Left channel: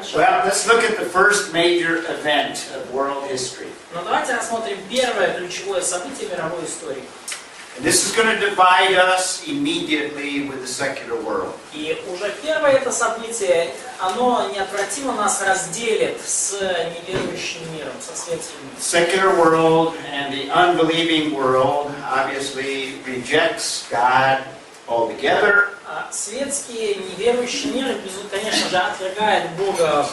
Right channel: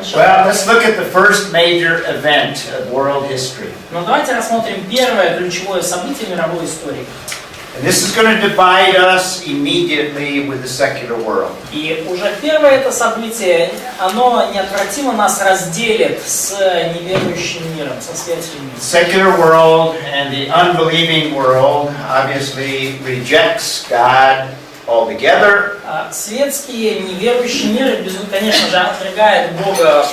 начать. Well, let's look at the first major event of world history. Но давайте рассмотрим первое ключевое событие мировой истории. And this is going to divide us immediately with the secular world. И уже первое это событие, оно неотвратимо нас разделит с неверующим миром, со светским миром. The secular world and the unbelieving world obviously rejects God altogether. Светский неверующий мир, конечно же, отвергает Бога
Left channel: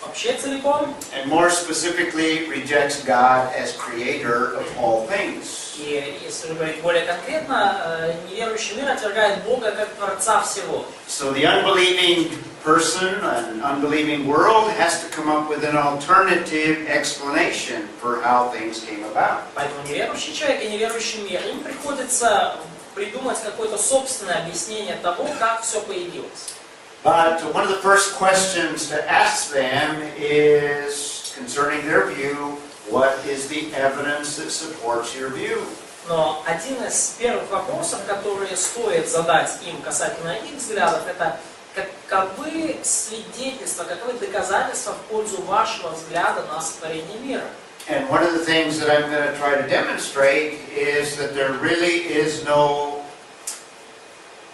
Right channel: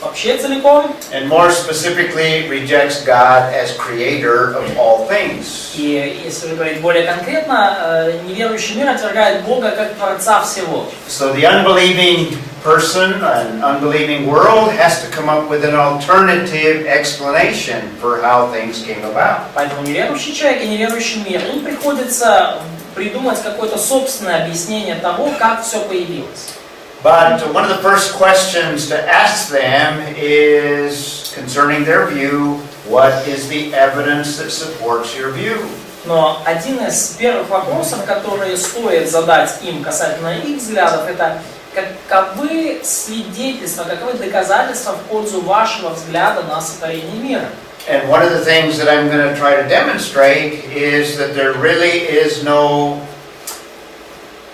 вообще целиком. And more specifically rejects God as creator of all things. И если же говорить более конкретно, неверующий мир отвергает Бога как Творца всего. So the unbelieving person, an unbelieving world has to come up with an alternative explanation for how things came about. Поэтому неверующий человек и неверующий мир, им приходится придумать какое-то собственное объяснение того, как все появилось. But one of the first questions to ask them is concerning their view, what is the evidence that supports your view? Но один из первых вопросов, которые стоит задать им касательно их взглядов, это каковы свидетельства, каковы доказательства в пользу вашего взгляда на сотворение мира? And one of the things that I'm going to try to demonstrate is that there really is no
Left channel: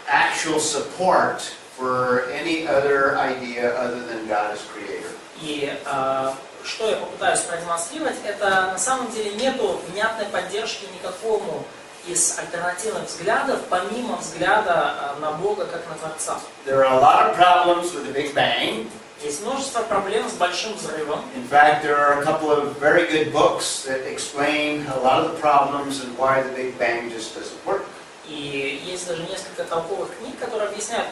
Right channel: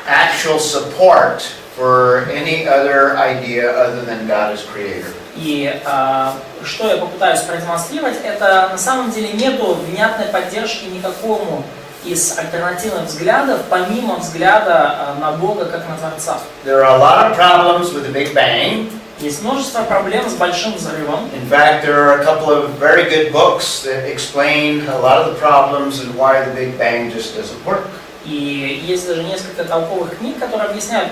actual support for any other idea other than God as creator. И что я попытаюсь продемонстрировать, это на самом деле нету внятной поддержки никакому из альтернативных взглядов, помимо взгляда на Бога как на Творца. There are a lot of problems with the Big Bang. Есть множество проблем с большим взрывом. In fact, there are a couple of very good books that explain a lot of the problems and why the Big Bang just doesn't work. И есть даже несколько толковых книг, которые объясняют,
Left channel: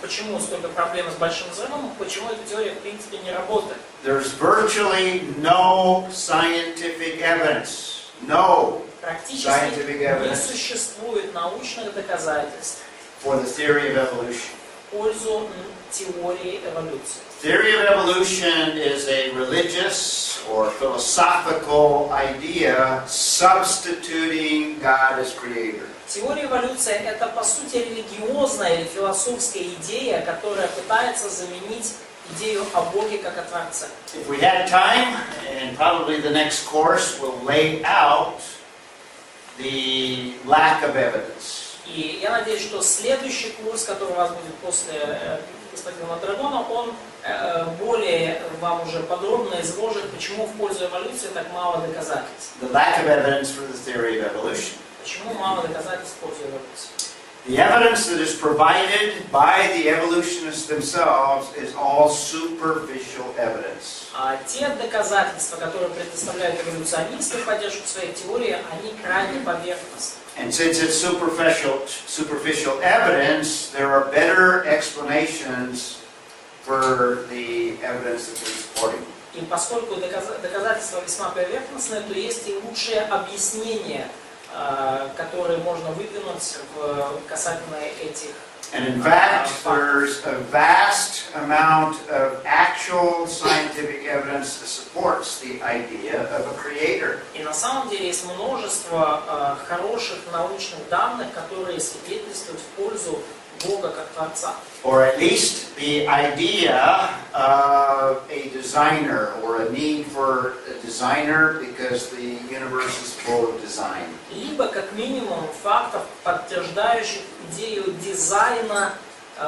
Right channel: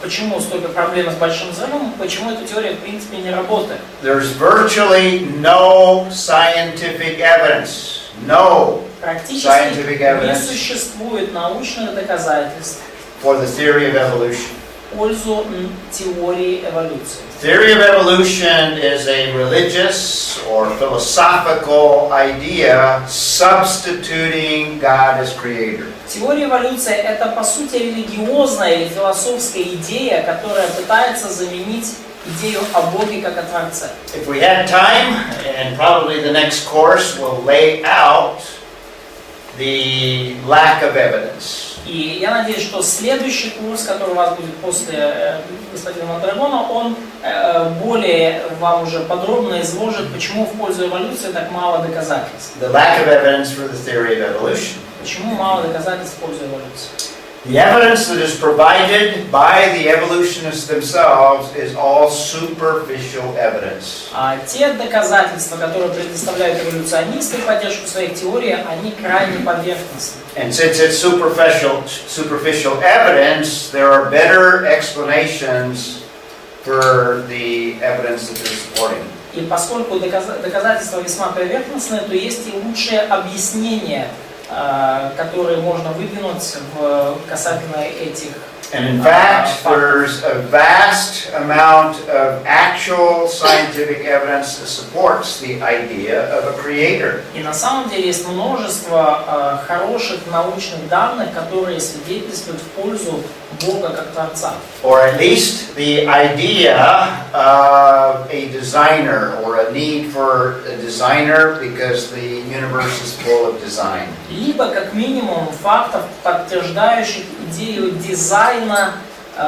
почему столько проблем с большим взрывом, почему эта теория в принципе не работает. There's virtually no scientific evidence. No Практически scientific не evidence существует научных доказательств for the theory of evolution. в пользу теории эволюции. Theory of evolution is a religious or philosophical idea substituting God as creator. Теория эволюции – это, по сути, религиозная или философская идея, которая пытается заменить идею о Боге как о Творце. If we had time, and probably the next course will lay out the lack of evidence. И я надеюсь, что следующий курс, который у вас будет после господина Мондрагона, он более вам уже подробно изложит, почему в пользу эволюции так мало доказательств. The lack of evidence for the theory of evolution. Почему мало доказательств в пользу эволюции? The evidence that is provided by the evolutionists themselves is all superficial evidence. А те доказательства, которые предоставляют эволюционисты в поддержку своих теорий, они крайне поверхностны. And since it's superficial evidence, there are better explanations for the evidence that they're supporting. И поскольку доказательства весьма поверхностные, то есть и лучшие объяснения, которые можно выдвинуть касательно этих. And in fact, there's a vast amount of actual scientific evidence that supports the idea of a creator. И на самом деле есть множество хороших научных данных, которые свидетельствуют в пользу Бога как Творца. Or at least the idea of a designer or a need for a designer because the universe is full of design. Либо как минимум фактов, подтверждающих идею дизайна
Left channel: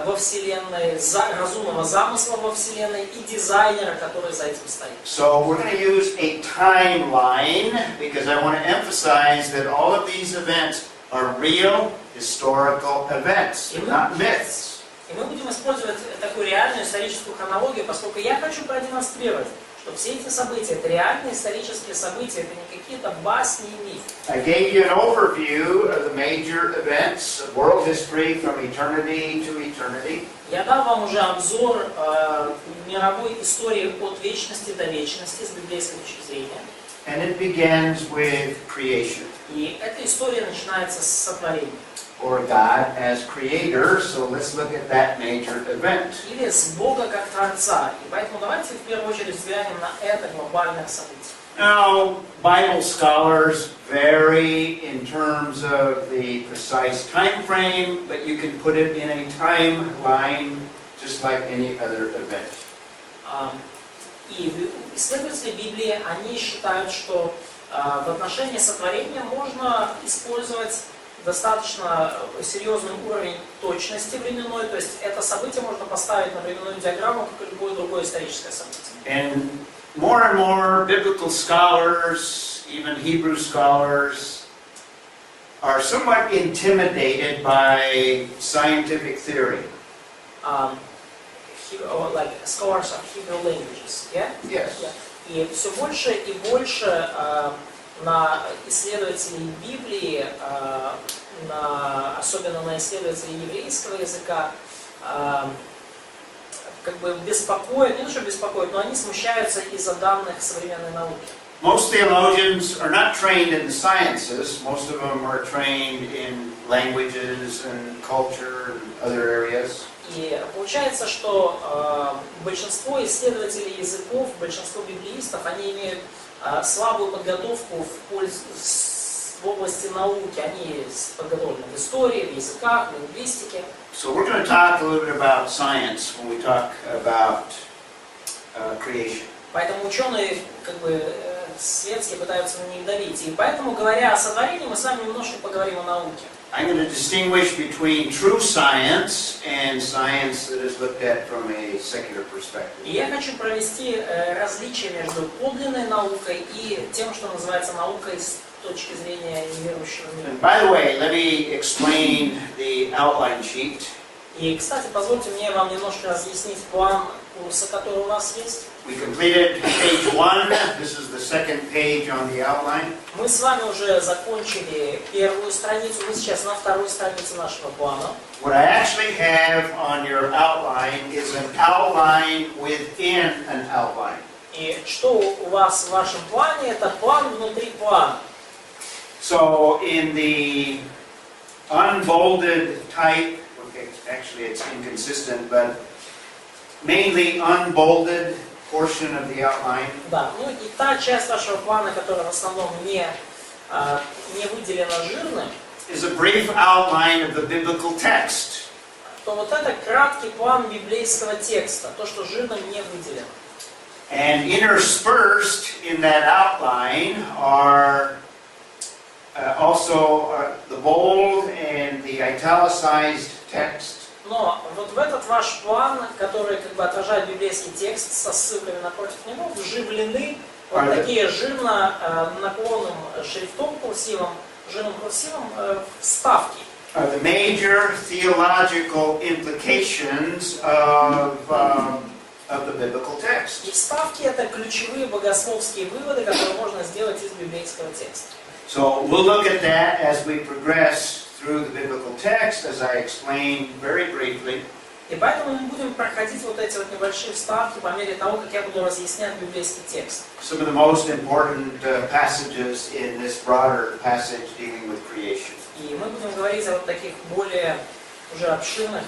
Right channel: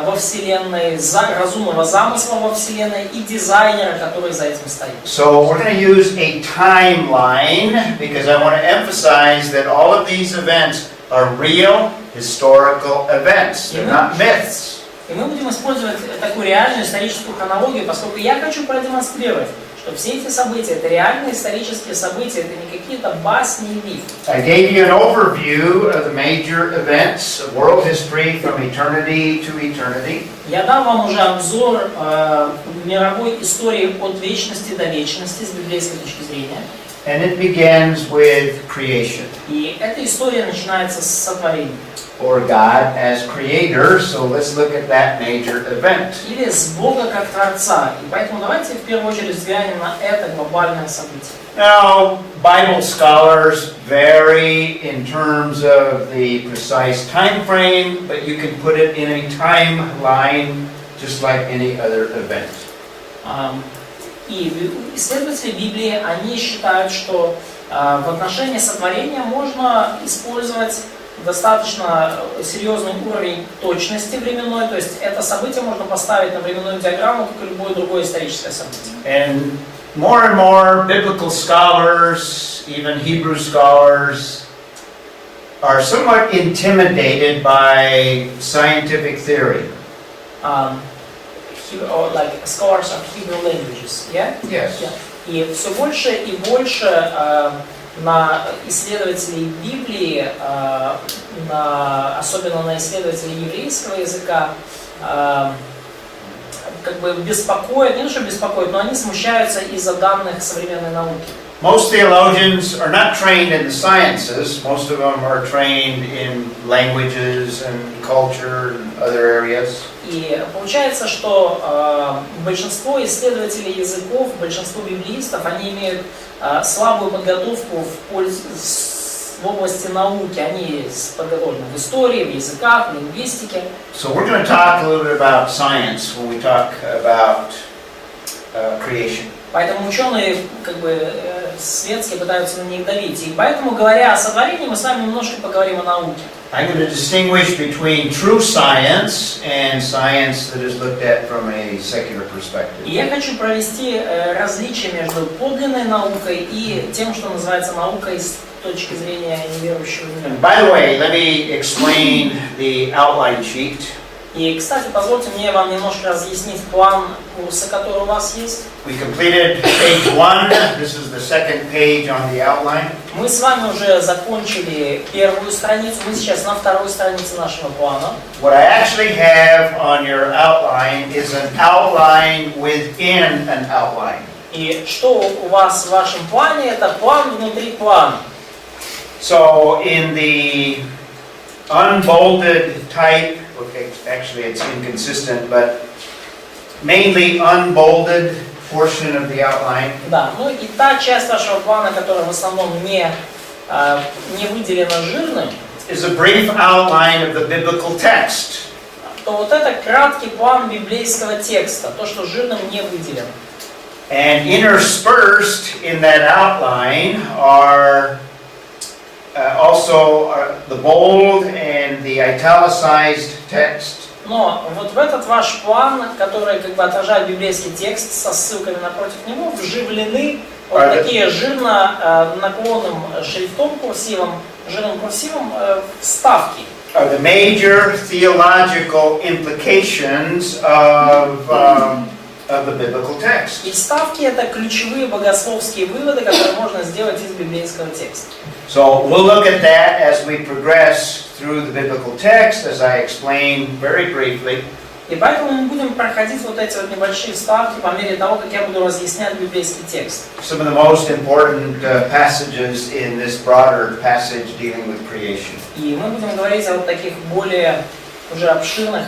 во Вселенной, разумного замысла во Вселенной и дизайнера, который за этим стоит. So we're going to use a timeline because I want to emphasize that all of these events are real historical events. They're not myths. И мы будем использовать такую реальную историческую хронологию, поскольку я хочу продемонстрировать, что все эти события — это реальные исторические события, это не какие-то басни и мифы. I gave you an overview of the major events of world history from eternity to eternity. Я дам вам уже обзор мировой истории от вечности до вечности с библейской точки зрения. And it begins with creation. И эта история начинается с сотворения. Or God as creator, so let's look at that major event. Или с Бога как Творца. И поэтому давайте в первую очередь взглянем на это глобальное событие. Now, Bible scholars vary in terms of the precise time frame, but you can put it in a timeline just like any other event. И исследователи Библии, они считают, что в отношении сотворения можно использовать достаточно серьезный уровень точности временной, то есть это событие можно поставить на временную диаграмму, как и любое другое историческое событие. And more biblical scholars, even Hebrew scholars, are somewhat intimidated by scientific theory. Like scholars of Hebrew languages, yeah? Yes. Yeah. И все больше и больше на исследователей Библии, особенно на исследователей еврейского языка, как бы беспокоит, не то что беспокоит, но они смущаются из-за данных современной науки. Most theologians are not trained in the sciences. Most of them are trained in languages and culture and other areas. И получается, что большинство исследователей языков, большинство библеистов, они имеют слабую подготовку в области науки. Они подготовлены в истории, в языках, в лингвистике. So we're going to talk a little bit about science when we talk about creation. Поэтому ученые как бы светские пытаются на них давить. И поэтому, говоря о сотворении, мы с вами немножко поговорим о науке. I'm going to distinguish between true science and science that is looked at from a secular perspective. И я хочу провести различие между подлинной наукой и тем, что называется наукой с точки зрения неверующего мира. And by the way, let me explain the outline sheet. И, кстати, позвольте мне вам немножко разъяснить план курса, который у вас есть. We completed page 1. This is the second page on the outline. Мы с вами уже закончили первую страницу, мы сейчас на второй странице нашего плана. What I actually have on your outline is an outline within an outline. И что у вас в вашем плане, это план внутри плана. So in the unbolded type, okay, actually it's inconsistent, but mainly unbolded portion of the outline. Да, ну и та часть вашего плана, которая в основном не выделена жирным, is a brief outline of the biblical text. то вот это краткий план библейского текста, то, что жирным не выделено. And interspersed in that outline are also the bold and the italicized text. Но вот в этот ваш план, который как бы отражает библейский текст со ссылками напротив него, вживлены вот такие жирно наклонным шрифтом курсивом, жирным курсивом вставки. Are the major theological implications of the biblical text. И вставки это ключевые богословские выводы, которые можно сделать из библейского текста. So we'll look at that as we progress through the biblical text, as I explained very briefly. И поэтому мы будем проходить вот эти вот небольшие вставки по мере того, как я буду разъяснять библейский текст. Some of the most important passages in this broader passage dealing with creation. И мы будем говорить о вот таких более уже обширных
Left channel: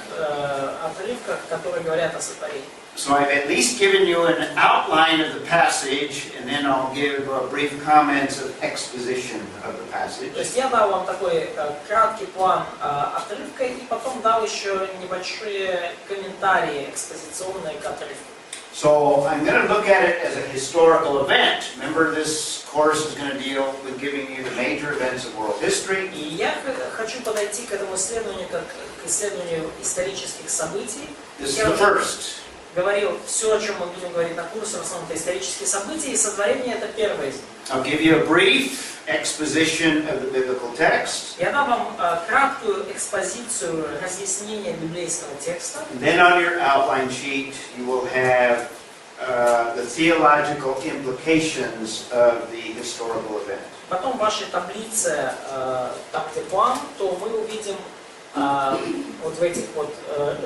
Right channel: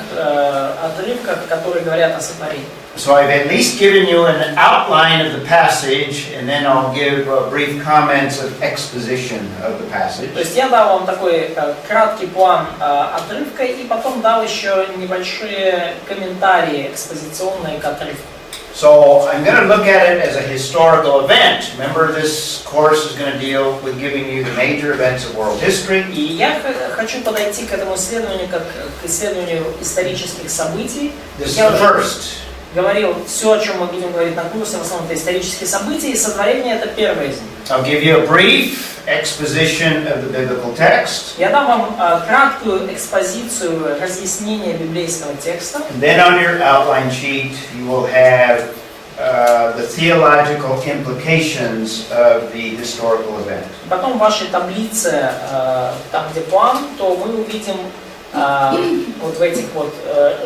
отрывках, которые говорят о сотворении. So I've at least given you an outline of the passage, and then I'll give brief comments of exposition of the passage. То есть я дал вам такой краткий план отрывка, и потом дал еще небольшие комментарии экспозиционные к отрывку. So I'm going to look at it as a historical event. Remember, this course is going to deal with giving you the major events of world history. И я хочу подойти к этому исследованию как к исследованию исторических событий. This is the first. Говорил, все, о чем мы будем говорить на курсе, в основном это исторические события, и сотворение это первое из них. I'll give you a brief exposition of the biblical text. Я дам вам краткую экспозицию, разъяснение библейского текста. Then on your outline sheet you will have the theological implications of the historical event. Потом в вашей таблице, там где план, то мы увидим вот в этих вот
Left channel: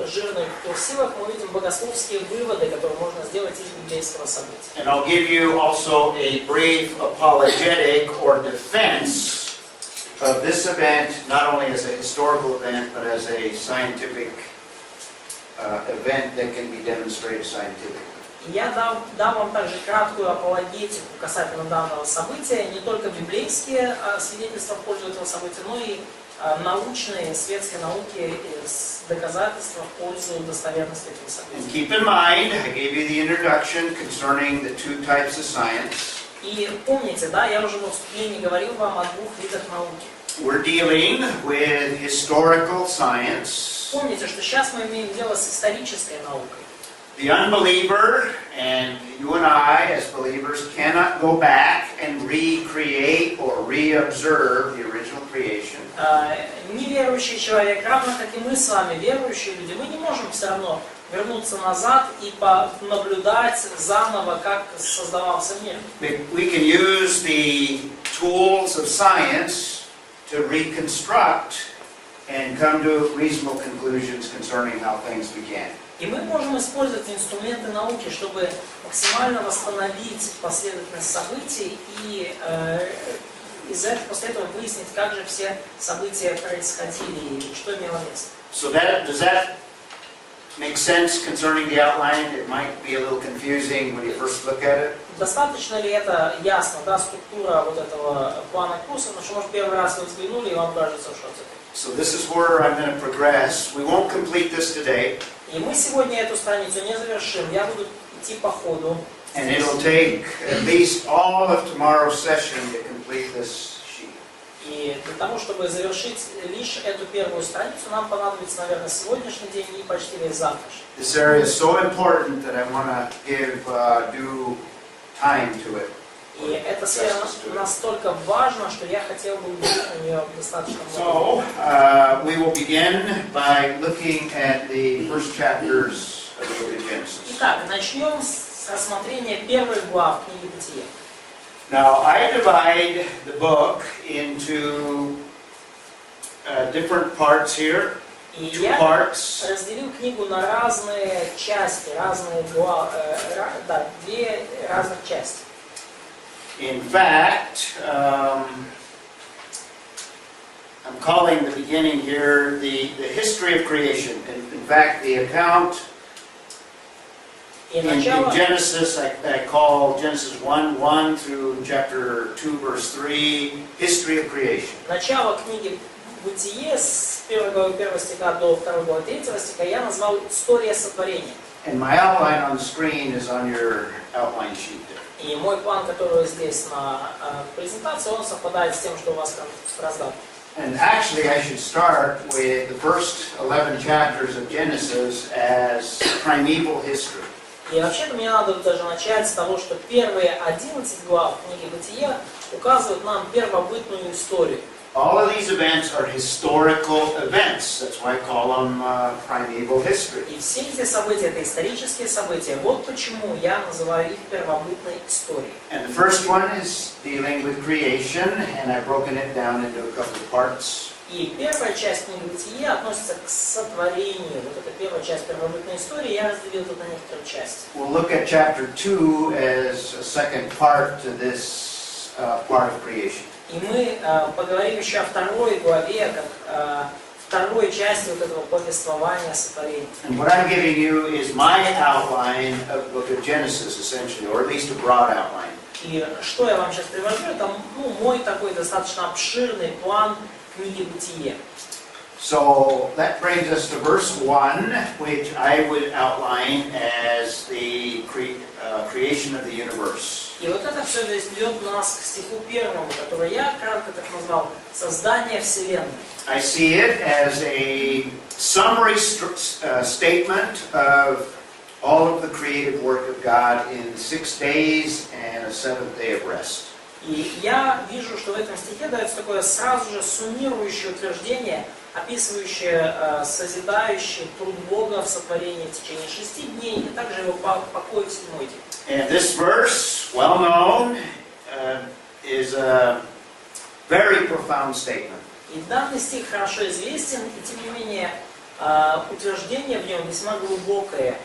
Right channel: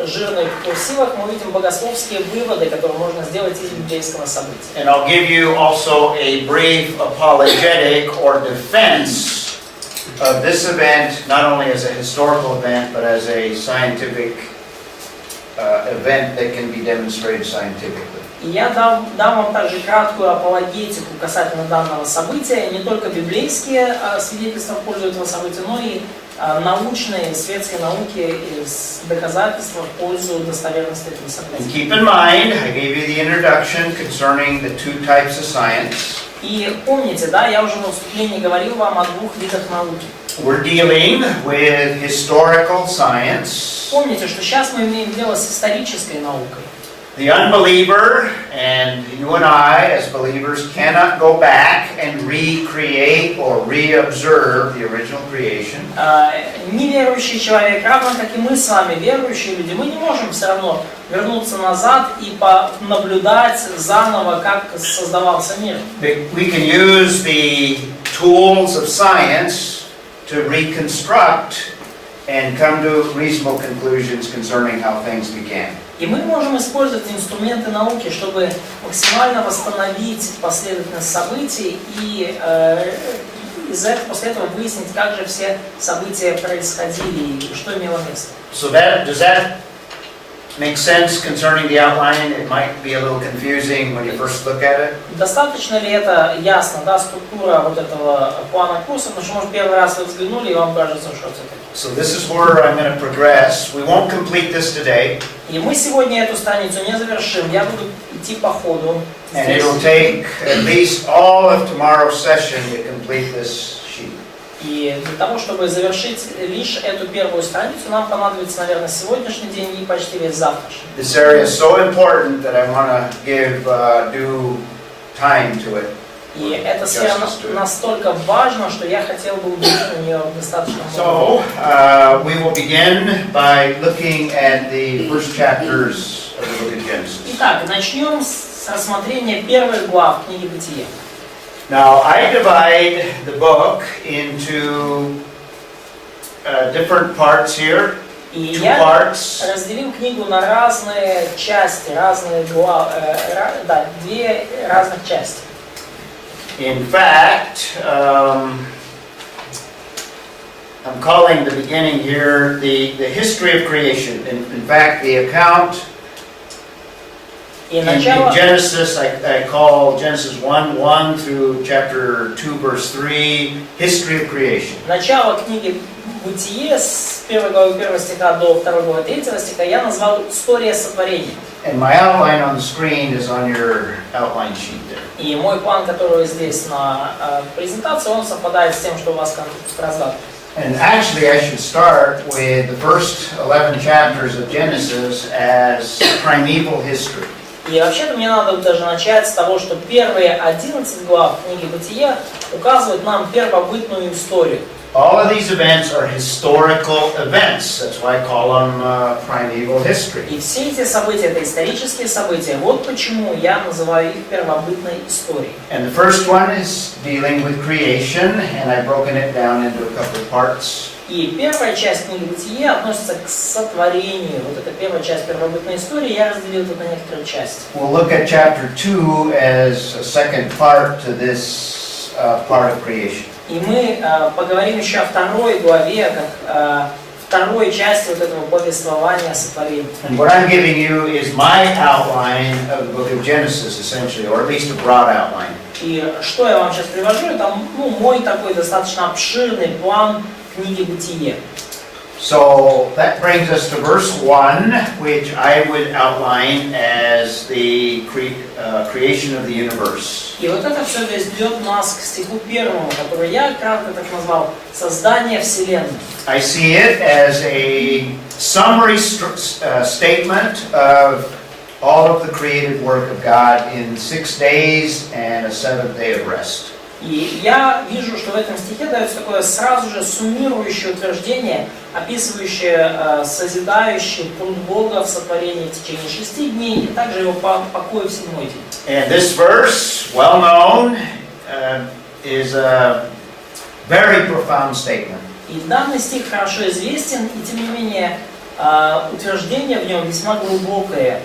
жирных курсивах мы видим богословские выводы, которые можно сделать из библейского события. And I'll give you also a brief apologetic or defense of this event, not only as a historical event, but as a scientific event that can be demonstrated scientifically. И я дам вам также краткую апологетику касательно данного события, не только библейские свидетельства в пользу этого события, но и научной, светской науки доказательства в пользу достоверности этого And события. keep in mind, I gave you the introduction concerning the two types of science. И помните, да, я уже во вступлении говорил вам о двух видах науки. We're dealing with historical science. Помните, что сейчас мы имеем дело с исторической наукой. The unbeliever and you and I as believers cannot go back and recreate or reobserve the original creation. Неверующий человек, равно как и мы с вами, верующие люди, мы не можем все равно вернуться назад и наблюдать заново, как создавался мир. We can use the tools of science to reconstruct and come to reasonable conclusions concerning how things began. И мы можем использовать инструменты науки, чтобы максимально восстановить последовательность событий и после этого выяснить, как же все события происходили и что имело место. So does that make sense concerning the outline? It might be a little confusing when you first look at it. Достаточно ли это ясно, да, структура вот этого плана курса, потому что, может, первый раз вы взглянули и вам кажется, что это. So this is where I'm going to progress. We won't complete this today. И мы сегодня эту страницу не завершим. Я буду идти по ходу. And it'll take at least all of tomorrow's session to complete this sheet. И для того, чтобы завершить лишь эту первую страницу, нам понадобится, наверное, сегодняшний день и почти весь завтрашний. This area is so important that I want to give due time to it. И эта сфера настолько важна, что я хотел бы уделить на нее достаточно So, много. we will begin by looking at the first chapters of the book of Genesis. Итак, начнем с рассмотрения первых глав книги Бытия. Now, I divide the book into different parts here. И Two я parts. разделил книгу на разные части, разные главы, две разных части. In fact, I'm calling the beginning here the history of creation. In fact, the account in Genesis, I call Genesis 1:1 through chapter 2, verse 3, history of creation. Начало книги Бытие с 1 главы 1 стиха до 2 главы 3 стиха я назвал «История сотворения». And my outline on the screen is on your outline sheet there. И мой план, который здесь на презентации, он совпадает с тем, что у вас в раздатке. And actually, I should start with the first 11 chapters of Genesis as primeval history. И вообще-то мне надо даже начать с того, что первые 11 глав книги Бытия указывают нам первобытную историю. All of these events are historical events. That's why I call them primeval history. И все эти события, это исторические события. Вот почему я называю их первобытной историей. And the first one is dealing with creation, and I've broken it down into a couple of parts. И первая часть книги Бытия относится к сотворению. Вот эта первая часть первобытной истории, я разделил это на некоторые части. We'll look at chapter 2 as a second part to this part of creation. И мы поговорим еще о второй главе, как второй части вот этого повествования о сотворении. And what I'm giving you is my outline of the book of Genesis, essentially, or at least a broad outline. И что я вам сейчас привожу, это мой такой достаточно обширный план книги Бытие. So that brings us to verse 1, which I would outline as the creation of the universe. И вот это все ведет нас к стиху первому, который я кратко так назвал «Создание Вселенной». I see it as a summary statement of all of the creative work of God in 6 days and a 7th day of rest. И я вижу, что в этом стихе дается такое сразу же суммирующее утверждение, описывающее созидающий труд Бога в сотворении в течение 6 дней и также его покой в 7-й день. And this verse, well known, is a very profound statement. И данный стих хорошо известен, и тем не менее утверждение в нем весьма глубокое.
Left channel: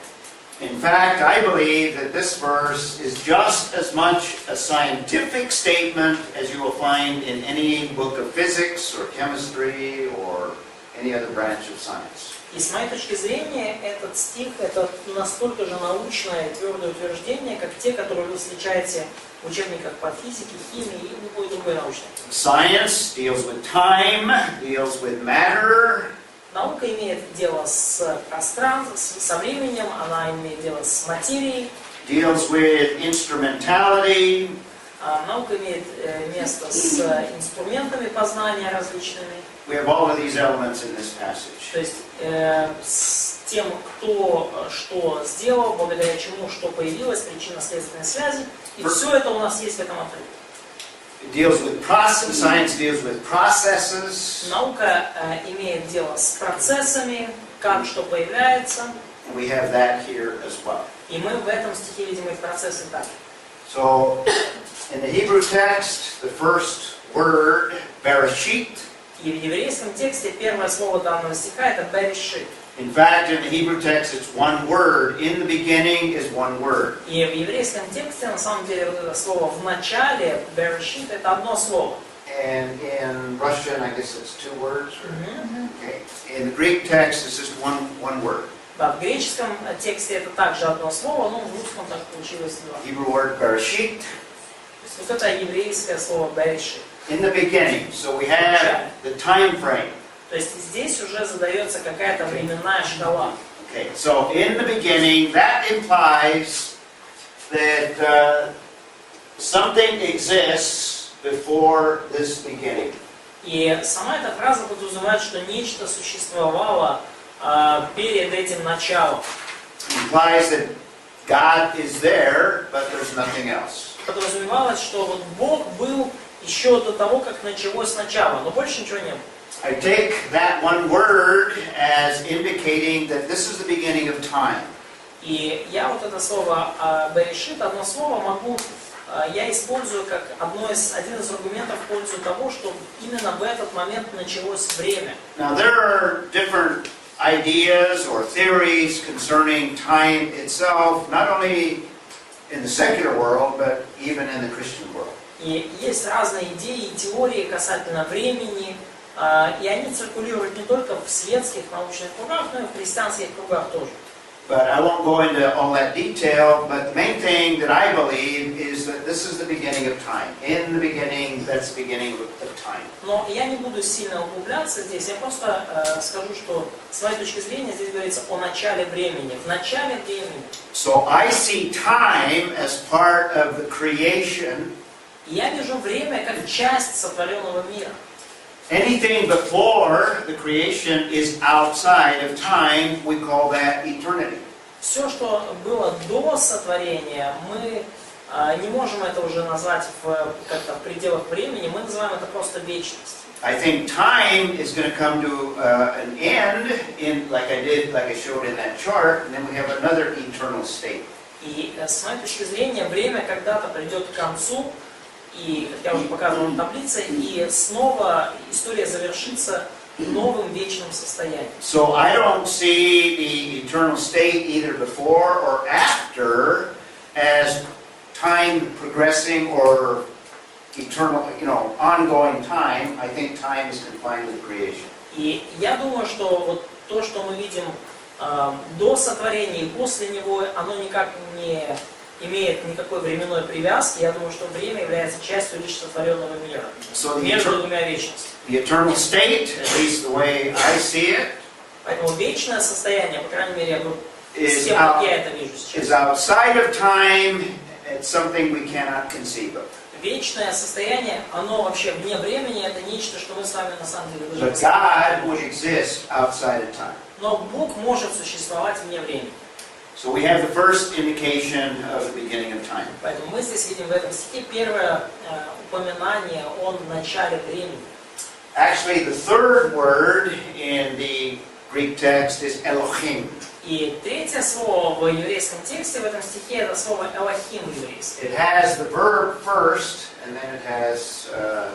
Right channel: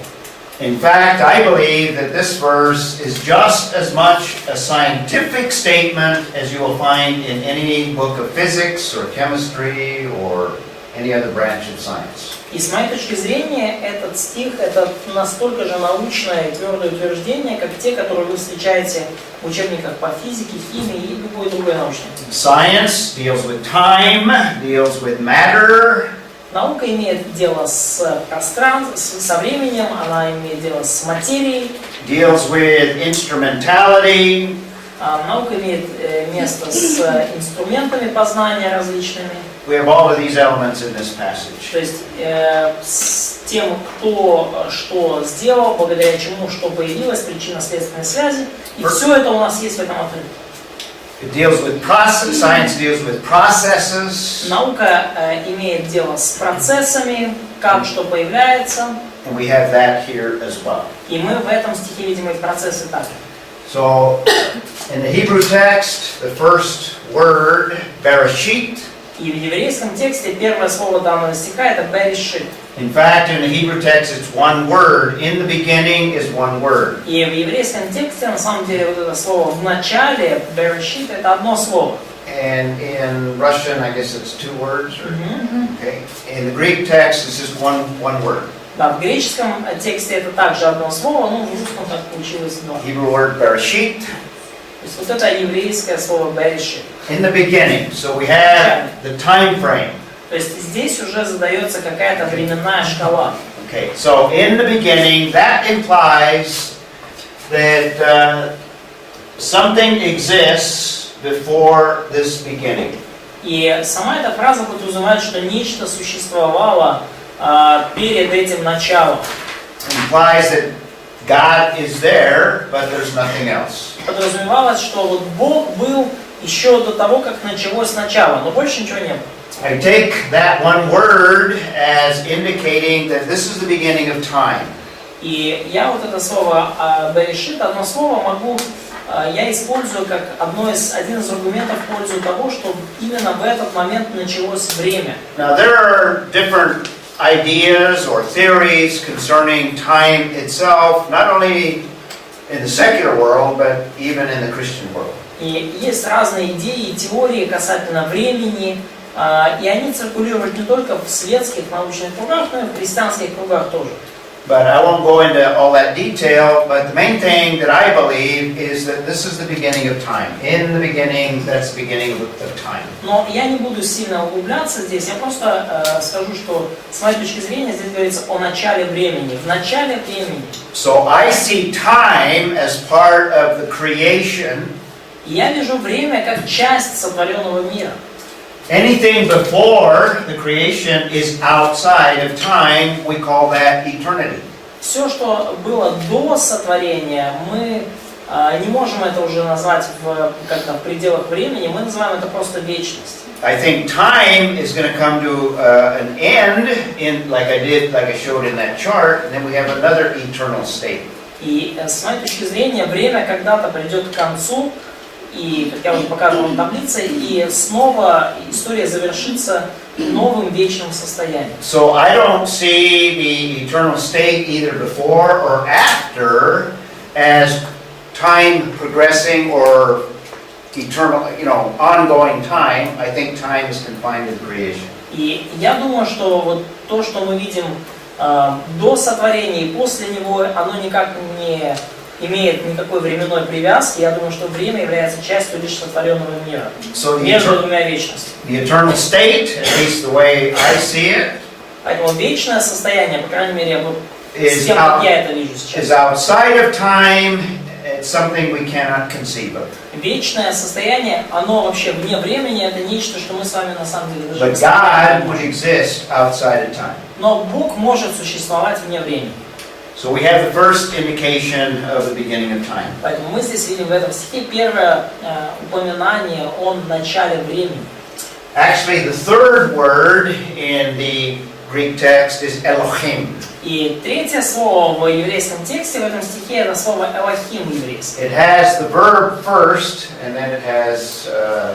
In fact, I believe that this verse is just as much a scientific statement as you will find in any book of physics or chemistry or any other branch of science. И с моей точки зрения, этот стих — это настолько же научное и твердое утверждение, как те, которые вы встречаете в учебниках по физике, химии и любой другой научной. Science deals with time, deals with matter. Наука имеет дело с пространством, со временем, она имеет дело с материей. Deals with instrumentality. Наука имеет место с инструментами познания различными. We have all of these elements in this passage. То есть с тем, кто что сделал, благодаря чему что появилось, причинно-следственной связи. И все это у нас есть в этом отрывке. It deals with process. Science deals with processes. Наука имеет дело с процессами, как что появляется. And we have that here as well. И мы в этом стихе видим и процессы также. So, in the Hebrew text, the first word, bereshit. И в еврейском тексте первое слово данного стиха это берешит. In fact, in the Hebrew text, it's one word. In the beginning is one word. И в еврейском тексте на самом деле вот это слово в начале, берешит, это одно слово. And in Russian, I guess it's two words. Or, okay. In the Greek text, it's just one word. Да, в греческом тексте это также одно слово, но в русском так получилось два. Hebrew word bereshit. То есть вот это еврейское слово берешит. In the beginning, so we have the time frame. То есть здесь уже задается какая-то временная шкала. Okay, so in the beginning, that implies that something exists before this beginning. И сама эта фраза подразумевает, что нечто существовало перед этим началом. Implies that God is there, but there's nothing else. Подразумевалось, что вот Бог был еще до того, как началось начало, но больше ничего не было. I take that one word as indicating that this is the beginning of time. И я вот это слово берешит, одно слово я использую как один из аргументов в пользу того, что именно в этот момент началось время. Now there are different ideas or theories concerning time itself, not only in the secular world, but even in the Christian world. И есть разные идеи и теории касательно времени, и они циркулируют не только в светских научных кругах, но и в христианских кругах тоже. But I won't go into all that detail, but the main thing that I believe is that this is the beginning of time. In the beginning, that's the beginning of time. Но я не буду сильно углубляться здесь, я просто скажу, что с моей точки зрения здесь говорится о начале времени, в начале времени. So I see time as part of the creation. Я вижу время как часть сотворенного мира. Anything before the creation is outside of time. We call that eternity. Все, что было до сотворения, мы не можем это уже назвать как-то в пределах времени, мы называем это просто вечность. I think time is going to come to an end, like I showed in that chart, and then we have another eternal state. И с моей точки зрения, время когда-то придет к концу, и, как я уже показывал в таблице, и снова история завершится новым вечным состоянием. So I don't see the eternal state either before or after as time progressing or eternal, ongoing time. I think time is confined to the creation. И я думаю, что вот то, что мы видим до сотворения и после него, оно никак не имеет никакой временной привязки. Я думаю, что время является частью лишь сотворенного мира. Между двумя вечностями. The eternal state, at least the way I see it, поэтому вечное состояние, по крайней мере, с тем, как я это вижу сейчас, is outside of time. It's something we cannot conceive of. Вечное состояние, оно вообще вне времени, это нечто, что мы с вами на самом деле даже But God would exist outside of time. Но Бог может существовать вне времени. So we have the first indication of the beginning of time. Поэтому мы здесь видим в этом стихе первое упоминание о начале времени. Actually, the third word in the Greek text is Elohim. И третье слово в еврейском тексте, в этом стихе, это слово Элохим еврейский. It has the verb first, and then it has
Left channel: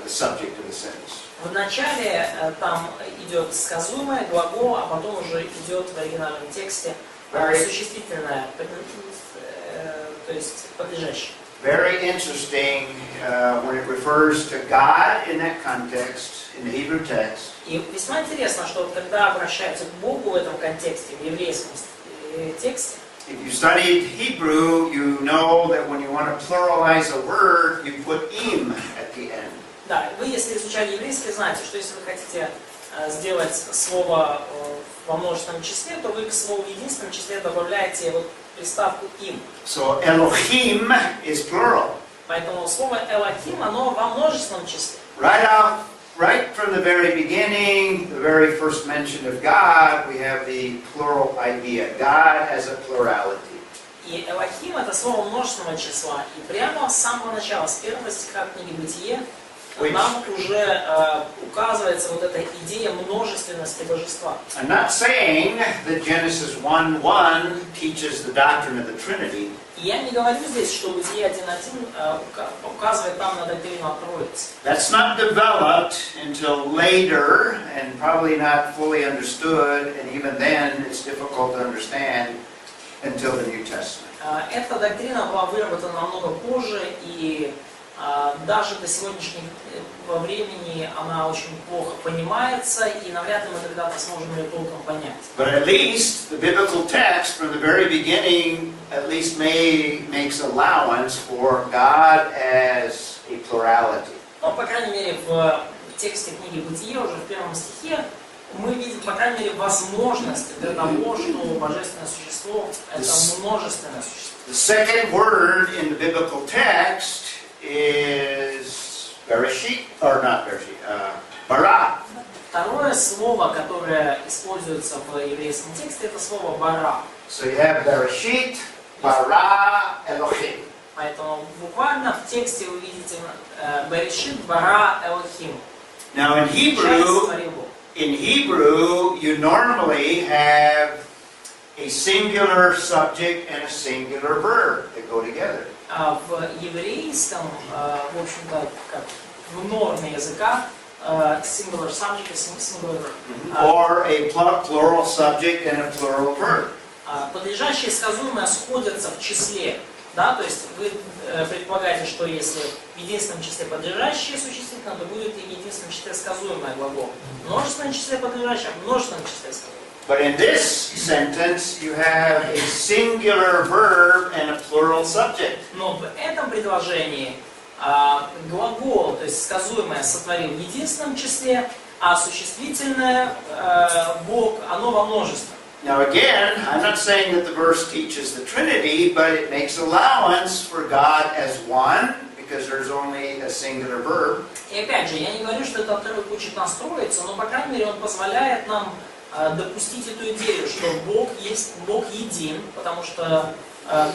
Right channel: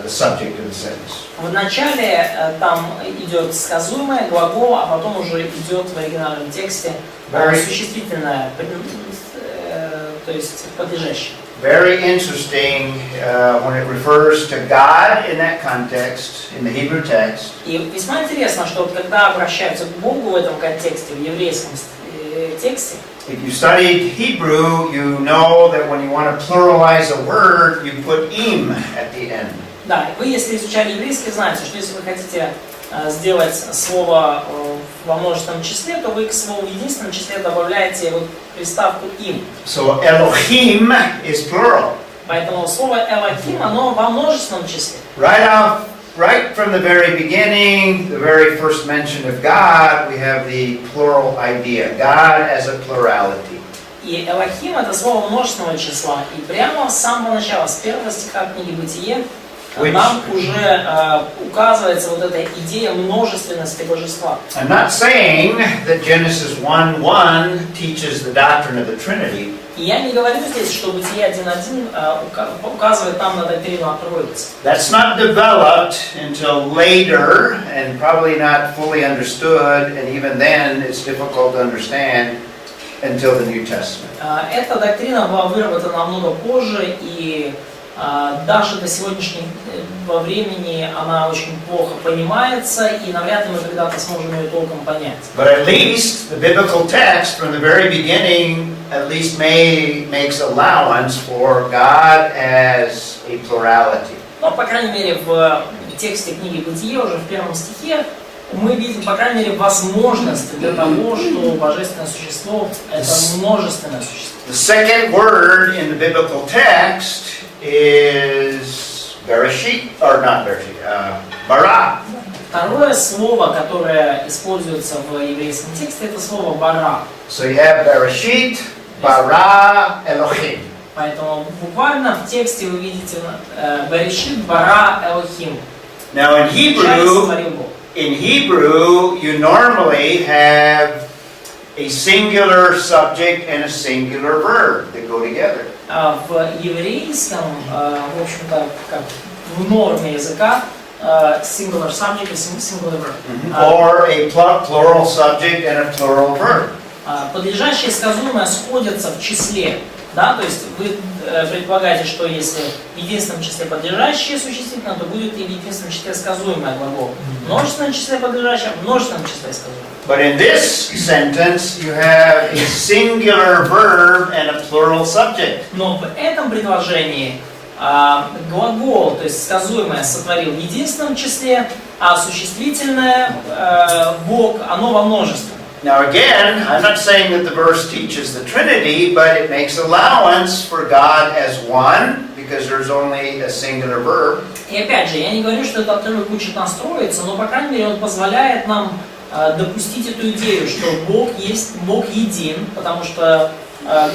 the subject of the sentence. В начале там идет сказуемое, глагол, а потом уже идет в оригинальном тексте существительное, то есть подлежащий. Very interesting when it refers to God in that context, in the Hebrew text. И весьма интересно, что когда обращаются к Богу в этом контексте, в еврейском тексте, If you studied Hebrew, you know that when you want to pluralize a word, you put im at the end. да, вы, если изучали еврейский, знаете, что если вы хотите сделать слово во множественном числе, то вы к слову в единственном числе добавляете вот приставку им. So Elohim is plural. Поэтому слово Элохим, оно во множественном числе. Right from the very beginning, the very first mention of God, we have the plural idea. God as a plurality. И Элохим это слово множественного числа. И прямо с самого начала, с первого стиха книги Бытие, нам уже указывается вот эта идея множественности божества. I'm not saying that Genesis 1:1 teaches the doctrine of the Trinity. И я не говорю здесь, что Бытие 1.1 указывает нам на доктрину о Троице. That's not developed until later and probably not fully understood, and even then it's difficult to understand until the New Testament. Эта доктрина была выработана намного позже, и даже до сегодняшнего времени она очень плохо понимается, и навряд ли мы когда-то сможем ее толком понять. But at least the biblical text from the very beginning at least makes allowance for God as a plurality. Но, по крайней мере, в тексте книги Бытие, уже в первом стихе, мы видим, по крайней мере, возможность для того, что божественное существо – это множественное существо. The second word in the biblical text is Bereshit, or not Bereshit, bara. Второе слово, которое используется в еврейском тексте, это слово бара. So you have Bereshit, bara, Elohim. Поэтому буквально в тексте вы видите Берешит, бара, Элохим. Now in Hebrew, you normally have a singular subject and a singular verb that go together. В еврейском, в общем-то, как в норме языка, singular subject и singular verb. Or a plural subject and a plural verb. Подлежащее и сказуемое сходятся в числе. Да? То есть вы предполагаете, что если в единственном числе подлежащее существительное, то будет и в единственном числе сказуемое глагол. В множественном числе подлежащее, в множественном числе сказуемое. But in this sentence, you have a singular verb and a plural subject. Но в этом предложении глагол, то есть сказуемое, сотворил в единственном числе, а существительное Бог, оно во множественном. Now again, I'm not saying that the verse teaches the Trinity, but it makes allowance for God as one, because there's only a singular verb. И опять же, я не говорю, что этот отрывок учит нас Троицу, но, по крайней мере, он позволяет нам допустить эту идею, что Бог есть, Бог един, потому что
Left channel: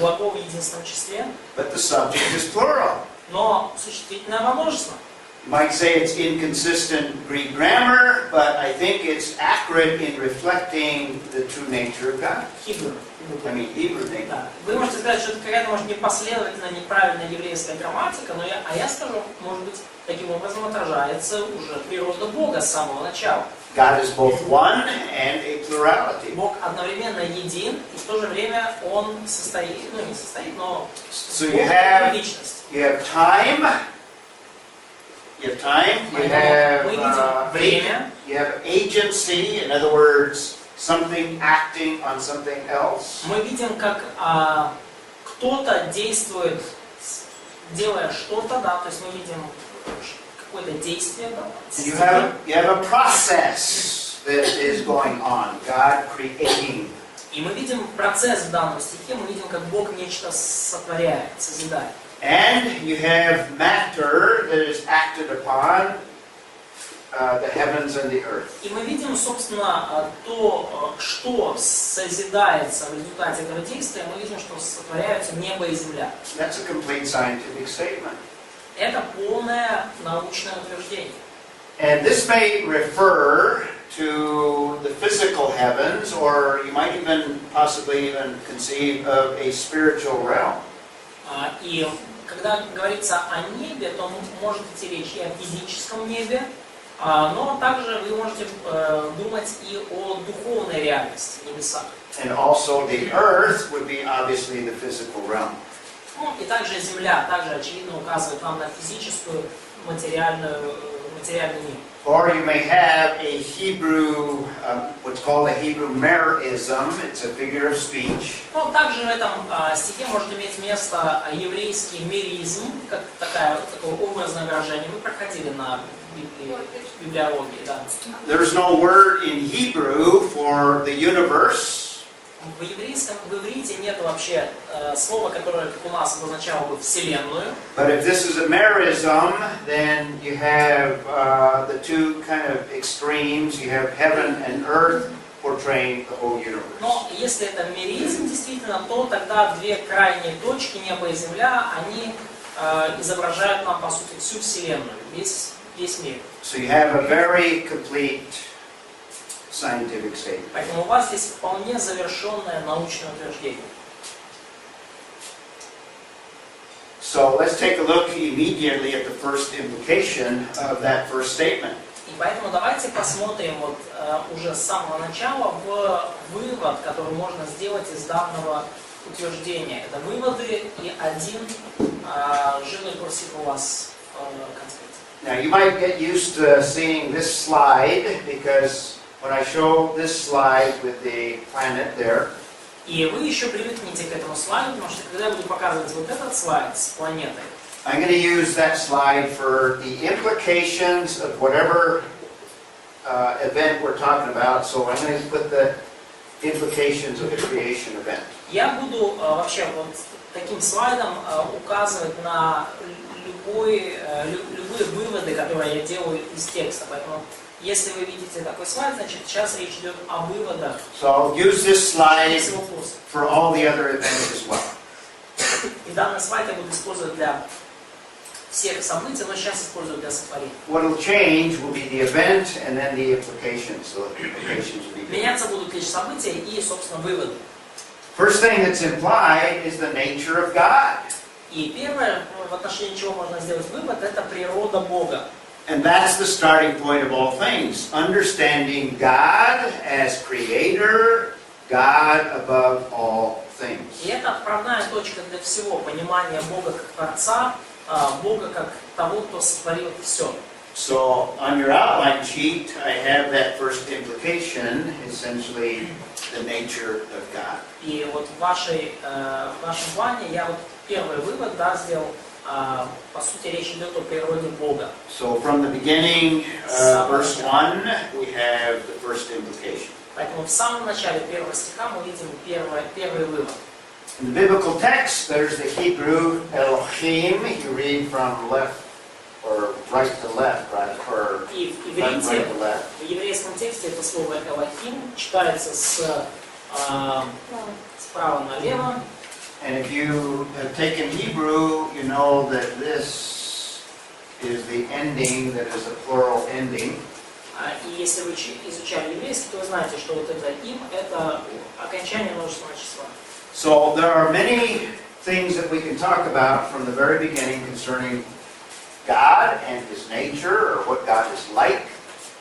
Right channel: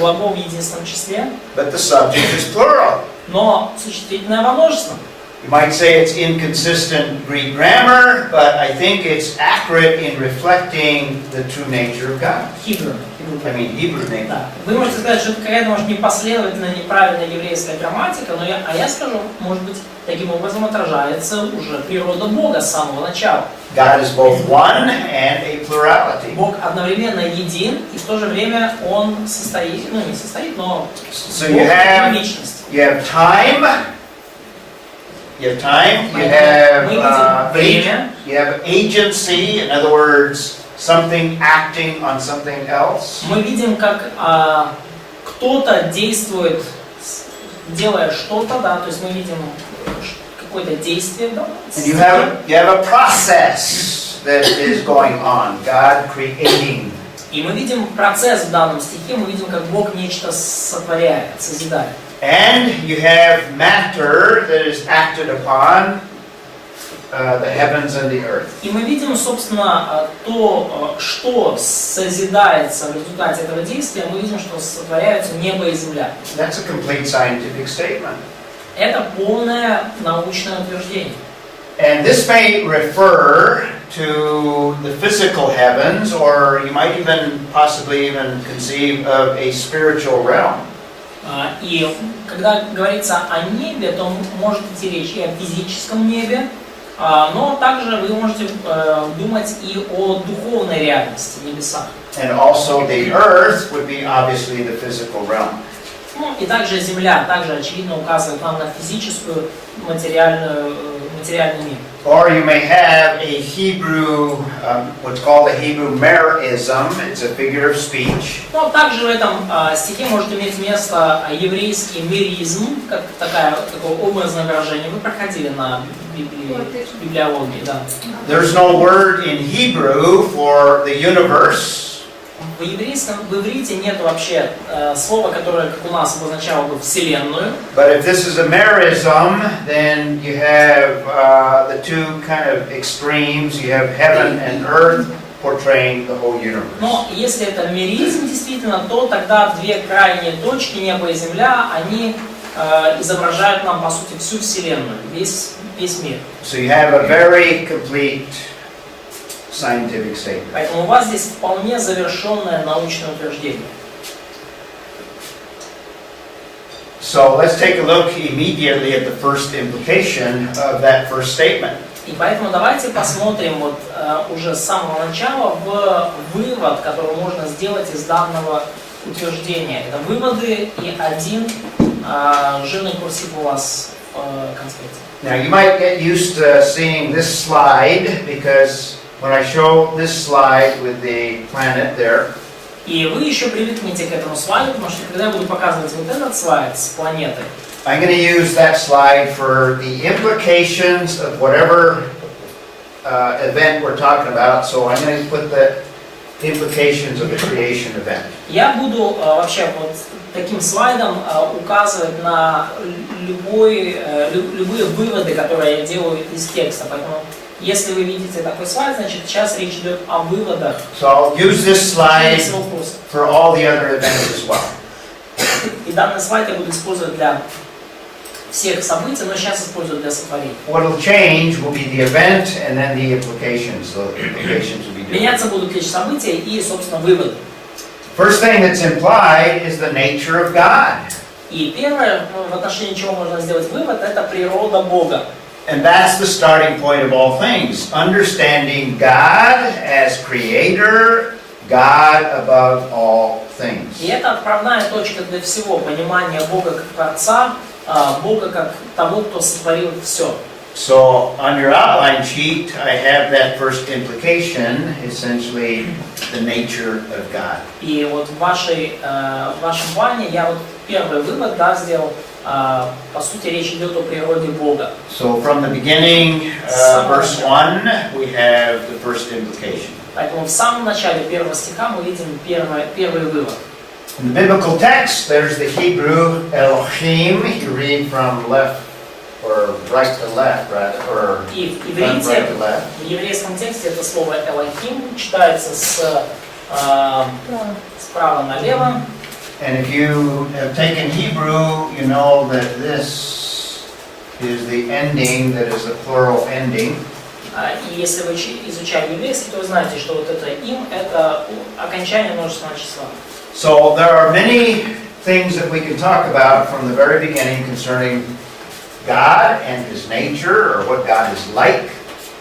глагол в единственном числе. But the subject is plural. Но существительное во множественном. You might say it's inconsistent Greek grammar, but I think it's accurate in reflecting the true nature of God. Hebrew nature. Да. Вы можете сказать, что это какая-то, может, непоследовательная, неправильная еврейская грамматика, но я скажу, может быть, таким образом отражается уже природа Бога с самого начала. God is both one and a plurality. Бог одновременно един, и в то же время Он состоит, не состоит, но So Бог это личность. You have time. You have agency, in other words, something acting on something else. Мы видим, как кто-то действует, делая что-то, да, то есть мы видим какое-то действие, да. And you have a process that is going on, God creating. И мы видим процесс в данном стихе, мы видим, как Бог нечто сотворяет, созидает. And you have matter that is acted upon, the heavens and the earth. И мы видим, собственно, то, что созидается в результате этого действия, мы видим, что сотворяются небо и земля. That's a complete scientific statement. Это полное научное утверждение. And this may refer to the physical heavens, or you might even possibly even conceive of a spiritual realm. И когда говорится о небе, то может идти речь и о физическом небе, но также вы можете думать и о духовной реальности, небесах. And also the earth would be obviously the physical realm. Ну, и также земля также очевидно указывает нам на физическую, материальный мир. Or you may have a Hebrew, what's called a Hebrew merism. It's a figure of speech. Но также в этом стихе может иметь место еврейский меризм, как такое образное выражение. Вы проходили на библиологии, да. There's no word in Hebrew for the universe. В еврейском, в иврите нет вообще слова, которое, как у нас, обозначало бы Вселенную. But if this is a merism, then you have the two kind of extremes. You have heaven and earth portraying the whole universe. Но если это меризм действительно, то тогда две крайние точки, небо и земля, они изображают нам, по сути, всю Вселенную, весь мир. So you have a very complete scientific statement. Поэтому у вас здесь вполне завершенное научное утверждение. So let's take a look immediately at the first implication of that first statement. И поэтому давайте посмотрим вот уже с самого начала в вывод, который можно сделать из данного утверждения. Это выводы и один жирный курсив у вас в конспекте. Now you might get used to seeing this slide because when I show this slide with the planet there, И вы еще привыкнете к этому слайду, потому что когда я буду показывать вот этот слайд с планетой, I'm going to use that slide for the implications of whatever event we're talking about. So I'm going to put the implications of the creation event. я буду вообще вот таким слайдом указывать на любые выводы, которые я делаю из текста. Поэтому, если вы видите такой слайд, значит сейчас речь идет о выводах. So I'll use this slide for all the other events as well. И данный слайд я буду использовать для всех событий, но сейчас использую для сотворения. What will change will be the event and then the implications. So the implications will be different. Меняться будут лишь события и, собственно, выводы. First thing that's implied is the nature of God. И первое, в отношении чего можно сделать вывод, это природа Бога. And that's the starting point of all things. Understanding God as creator, God above all things. И это отправная точка для всего, понимания Бога как Творца, Бога как того, кто сотворил все. So on your outline sheet, I have that first implication, essentially the nature of God. И вот в вашем плане я вот первый вывод, да, сделал. По сути, речь идет о природе Бога. So from the beginning, verse 1, we have the first implication. Поэтому в самом начале первого стиха мы видим первый вывод. In the biblical text, there's the Hebrew Elohim. You read from left or right to left, right? Or И в left, right иврите, to left. в еврейском тексте это слово Элохим читается справа налево. And if you have taken Hebrew, you know that this is the ending that is a plural ending. И если вы изучали еврейский, то вы знаете, что вот это «им» — это окончание множественного числа. So there are many things that we can talk about from the very beginning concerning God and His nature, or what God is like.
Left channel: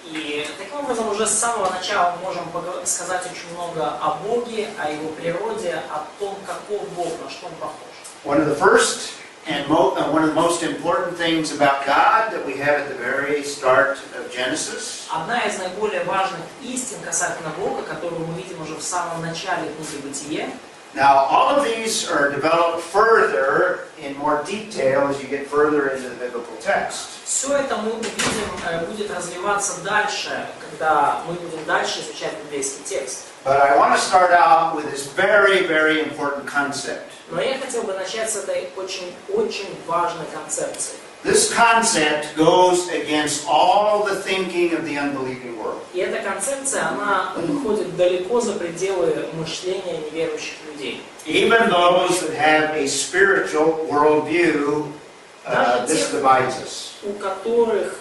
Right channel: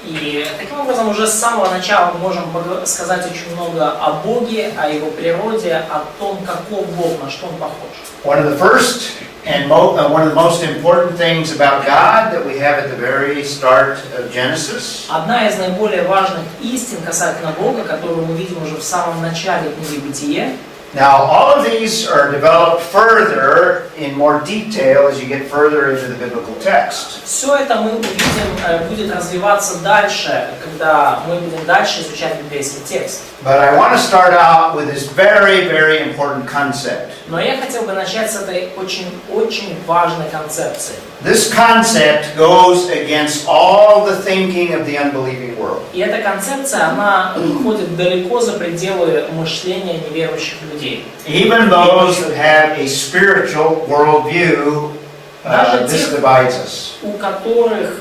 И таким образом уже с самого начала мы можем сказать очень много о Боге, о Его природе, о том, каков Бог, на что Он похож. One of the first and one of the most important things about God that we have at the very start of Genesis. Одна из наиболее важных истин касательно Бога, которую мы видим уже в самом начале книги «Бытие». Now, all of these are developed further in more detail as you get further into the biblical text. Все это мы увидим, будет развиваться дальше, когда мы будем дальше изучать библейский текст. But I want to start out with this very, very important concept. Но я хотел бы начать с этой очень важной концепции. This concept goes against all the thinking of the unbelieving world. И эта концепция, она выходит далеко за пределы мышления неверующих людей. Even those that have a spiritual worldview, this divides us. У которых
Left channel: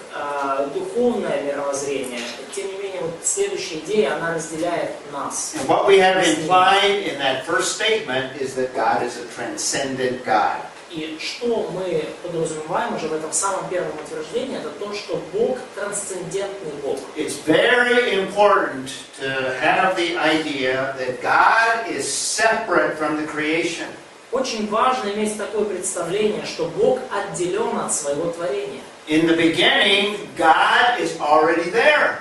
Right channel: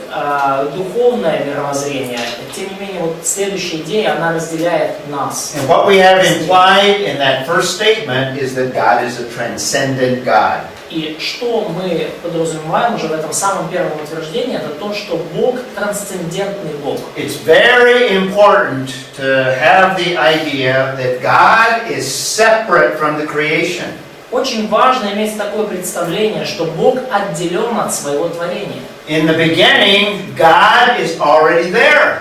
духовное мировоззрение, тем не менее, вот следующая идея, она разделяет нас. And what we have implied in that first statement is that God is a transcendent God. И что мы подразумеваем уже в этом самом первом утверждении, это то, что Бог трансцендентный Бог. It's very important to have the idea that God is separate from the creation. Очень важно иметь такое представление, что Бог отделен от своего творения. In the beginning, God is already there.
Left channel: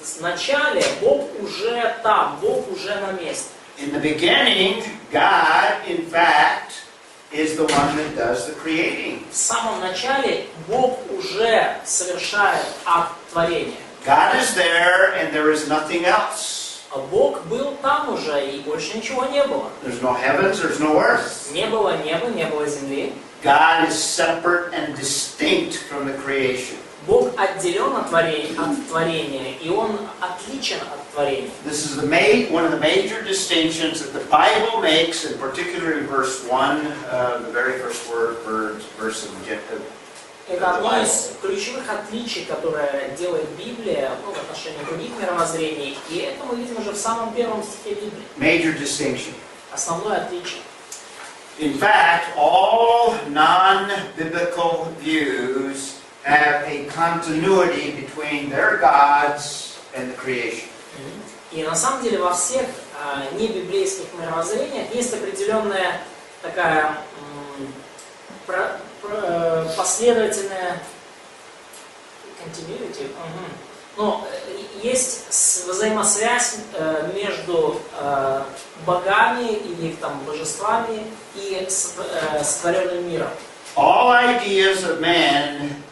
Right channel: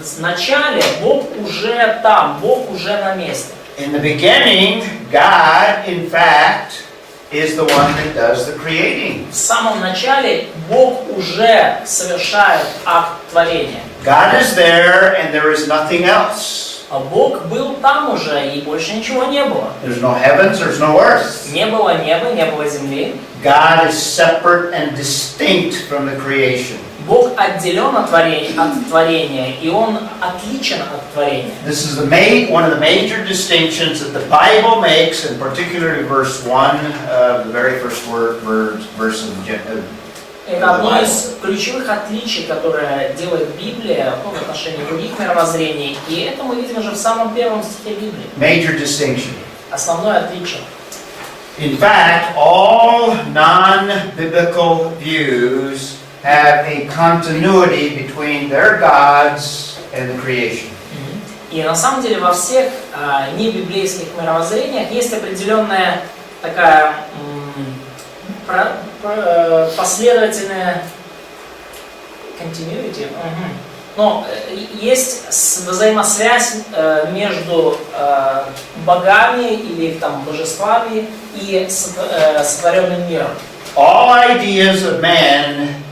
В начале Бог уже там, Бог уже на месте. In the beginning, God, in fact, is the one that does the creating. В самом начале Бог уже совершает акт творения. God is there and there is nothing else. А Бог был там уже, и больше ничего не было. There's no heavens, there's no earth. Не было неба, не было земли. God is separate and distinct from the creation. Бог отделен от творения, и Он отличен от творения. This is one of the major distinctions that the Bible makes, and particularly verse 1 of the very first verse of Genesis. Это одно из ключевых отличий, которое делает Библия в отношении других мировоззрений. И это мы видим уже в самом первом стихе Библии. Major distinction. Основное отличие. In fact, all non-biblical views have a continuity between their gods and the creation. И на самом деле во всех небиблейских мировоззрениях есть определенная такая последовательная continuity. Но есть взаимосвязь между богами или там божествами и сотворенным миром. All ideas of man,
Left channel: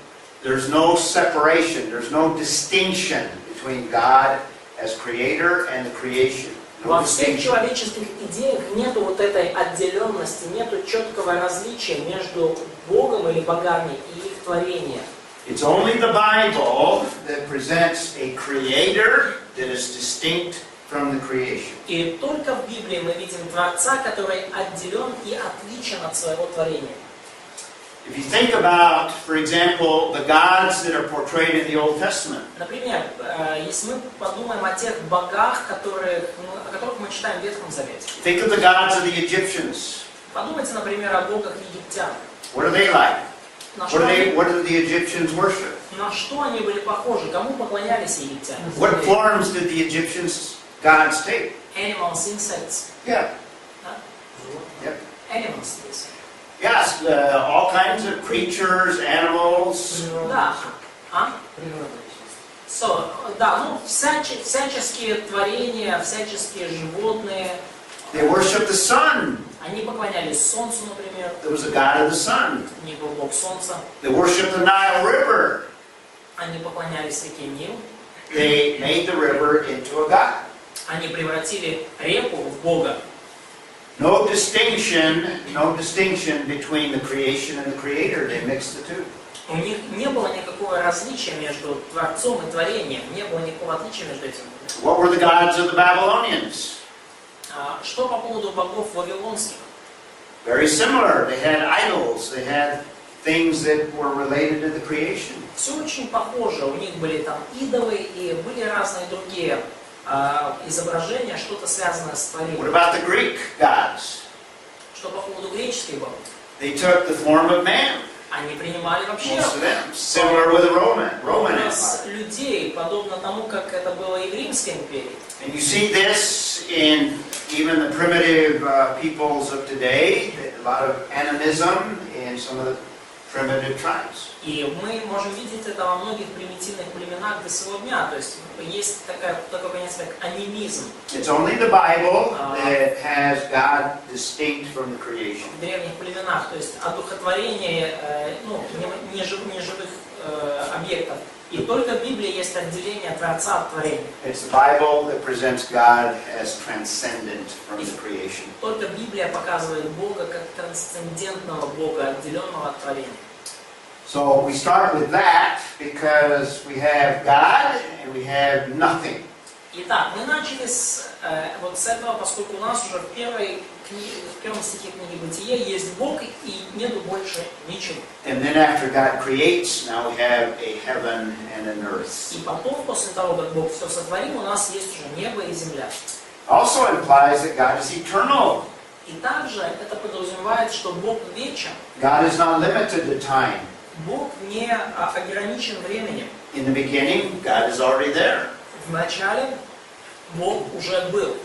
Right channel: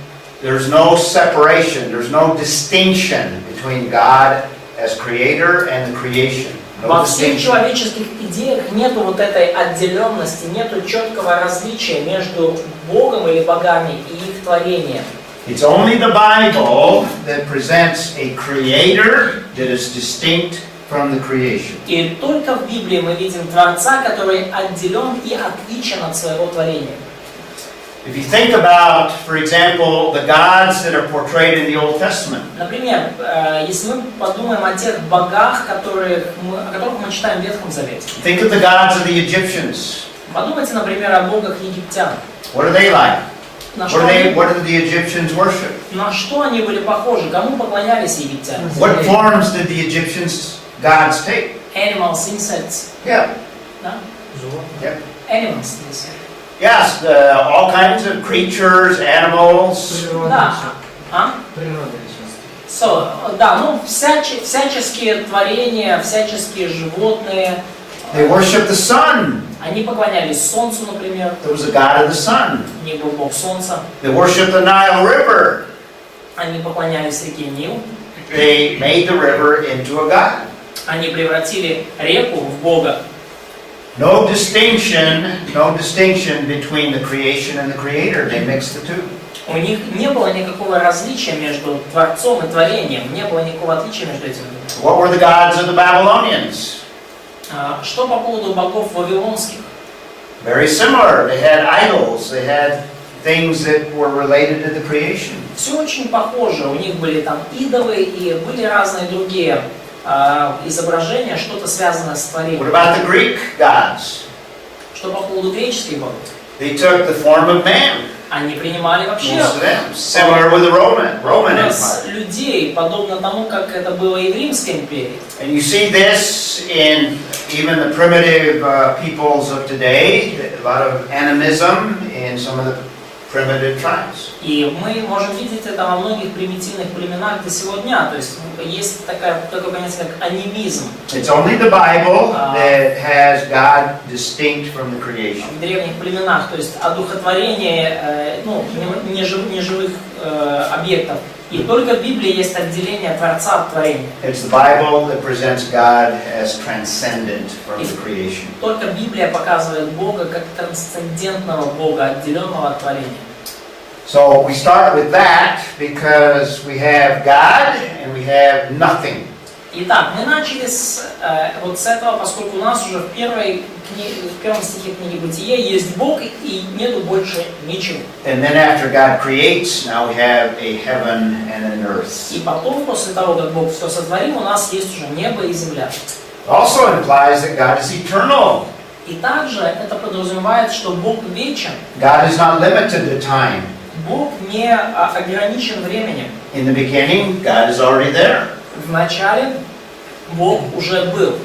there's no separation, there's no distinction between God as creator and the creation. Во всех человеческих идеях нету вот этой отделенности, нету четкого различия между Богом или богами и их творением. It's only the Bible that presents a creator that is distinct from the creation. И только в Библии мы видим Творца, который отделен и отличен от своего творения. If you think about, for example, the gods that are portrayed in the Old Testament. Например, если мы подумаем о тех богах, о которых мы читаем в Ветхом Завете. Think of the gods of the Egyptians. Подумайте, например, о богах египтян. What are they like? На What did the Egyptians worship? что они были похожи? Кому поклонялись египтяне? What forms did the Egyptians' gods take? Animals, insects. Yeah. Да? Yep. Animals, yes. Yes, all kinds of creatures, animals. Да. Всяческие творения, всяческие животные. They worship the sun. Они поклонялись солнцу, например. There was a god of the sun. У них был бог солнца. They worship the Nile River. Они поклонялись реке Нил. They made the river into a god. Они превратили реку в бога. No distinction between the creation and the creator. They mixed the two. У них не было никакого различия между Творцом и творением. Не было никакого отличия между этими. What were the gods of the Babylonians? Что по поводу богов вавилонских? Very similar. They had idols. They had things that were related to the creation. Все очень похоже. У них были там идолы и были разные другие изображения, что-то связанное с творением. What about the Greek gods? Что по поводу греческих богов? They took the form of man. Они принимали вообще Most of them. Similar with the Roman Empire. людей, подобно тому, как это было и в Римской империи. And you see this in even the primitive peoples of today. A lot of animism in some of the primitive tribes. И мы можем видеть это во многих примитивных племенах до сего дня. То есть есть такое понятие, как анимизм. It's only the Bible that has God distinct from the creation. В древних племенах, то есть одухотворение неживых объектов. И только в Библии есть отделение Творца от творения. It's the Bible that presents God as transcendent from the creation. Только Библия показывает Бога как трансцендентного Бога, отделенного от творения. So we start with that because we have God and we have nothing. Итак, мы начали с этого, поскольку у нас уже в первом стихе книги Бытие есть Бог и нету больше ничего. And then after God creates, now we have a heaven and an earth. И потом, после того, как Бог все сотворил, у нас есть уже небо и земля. Also implies that God is eternal. И также это подразумевает, что Бог вечен. God is not limited to time. Бог не ограничен временем. In the beginning, God is already there. В начале Бог уже был.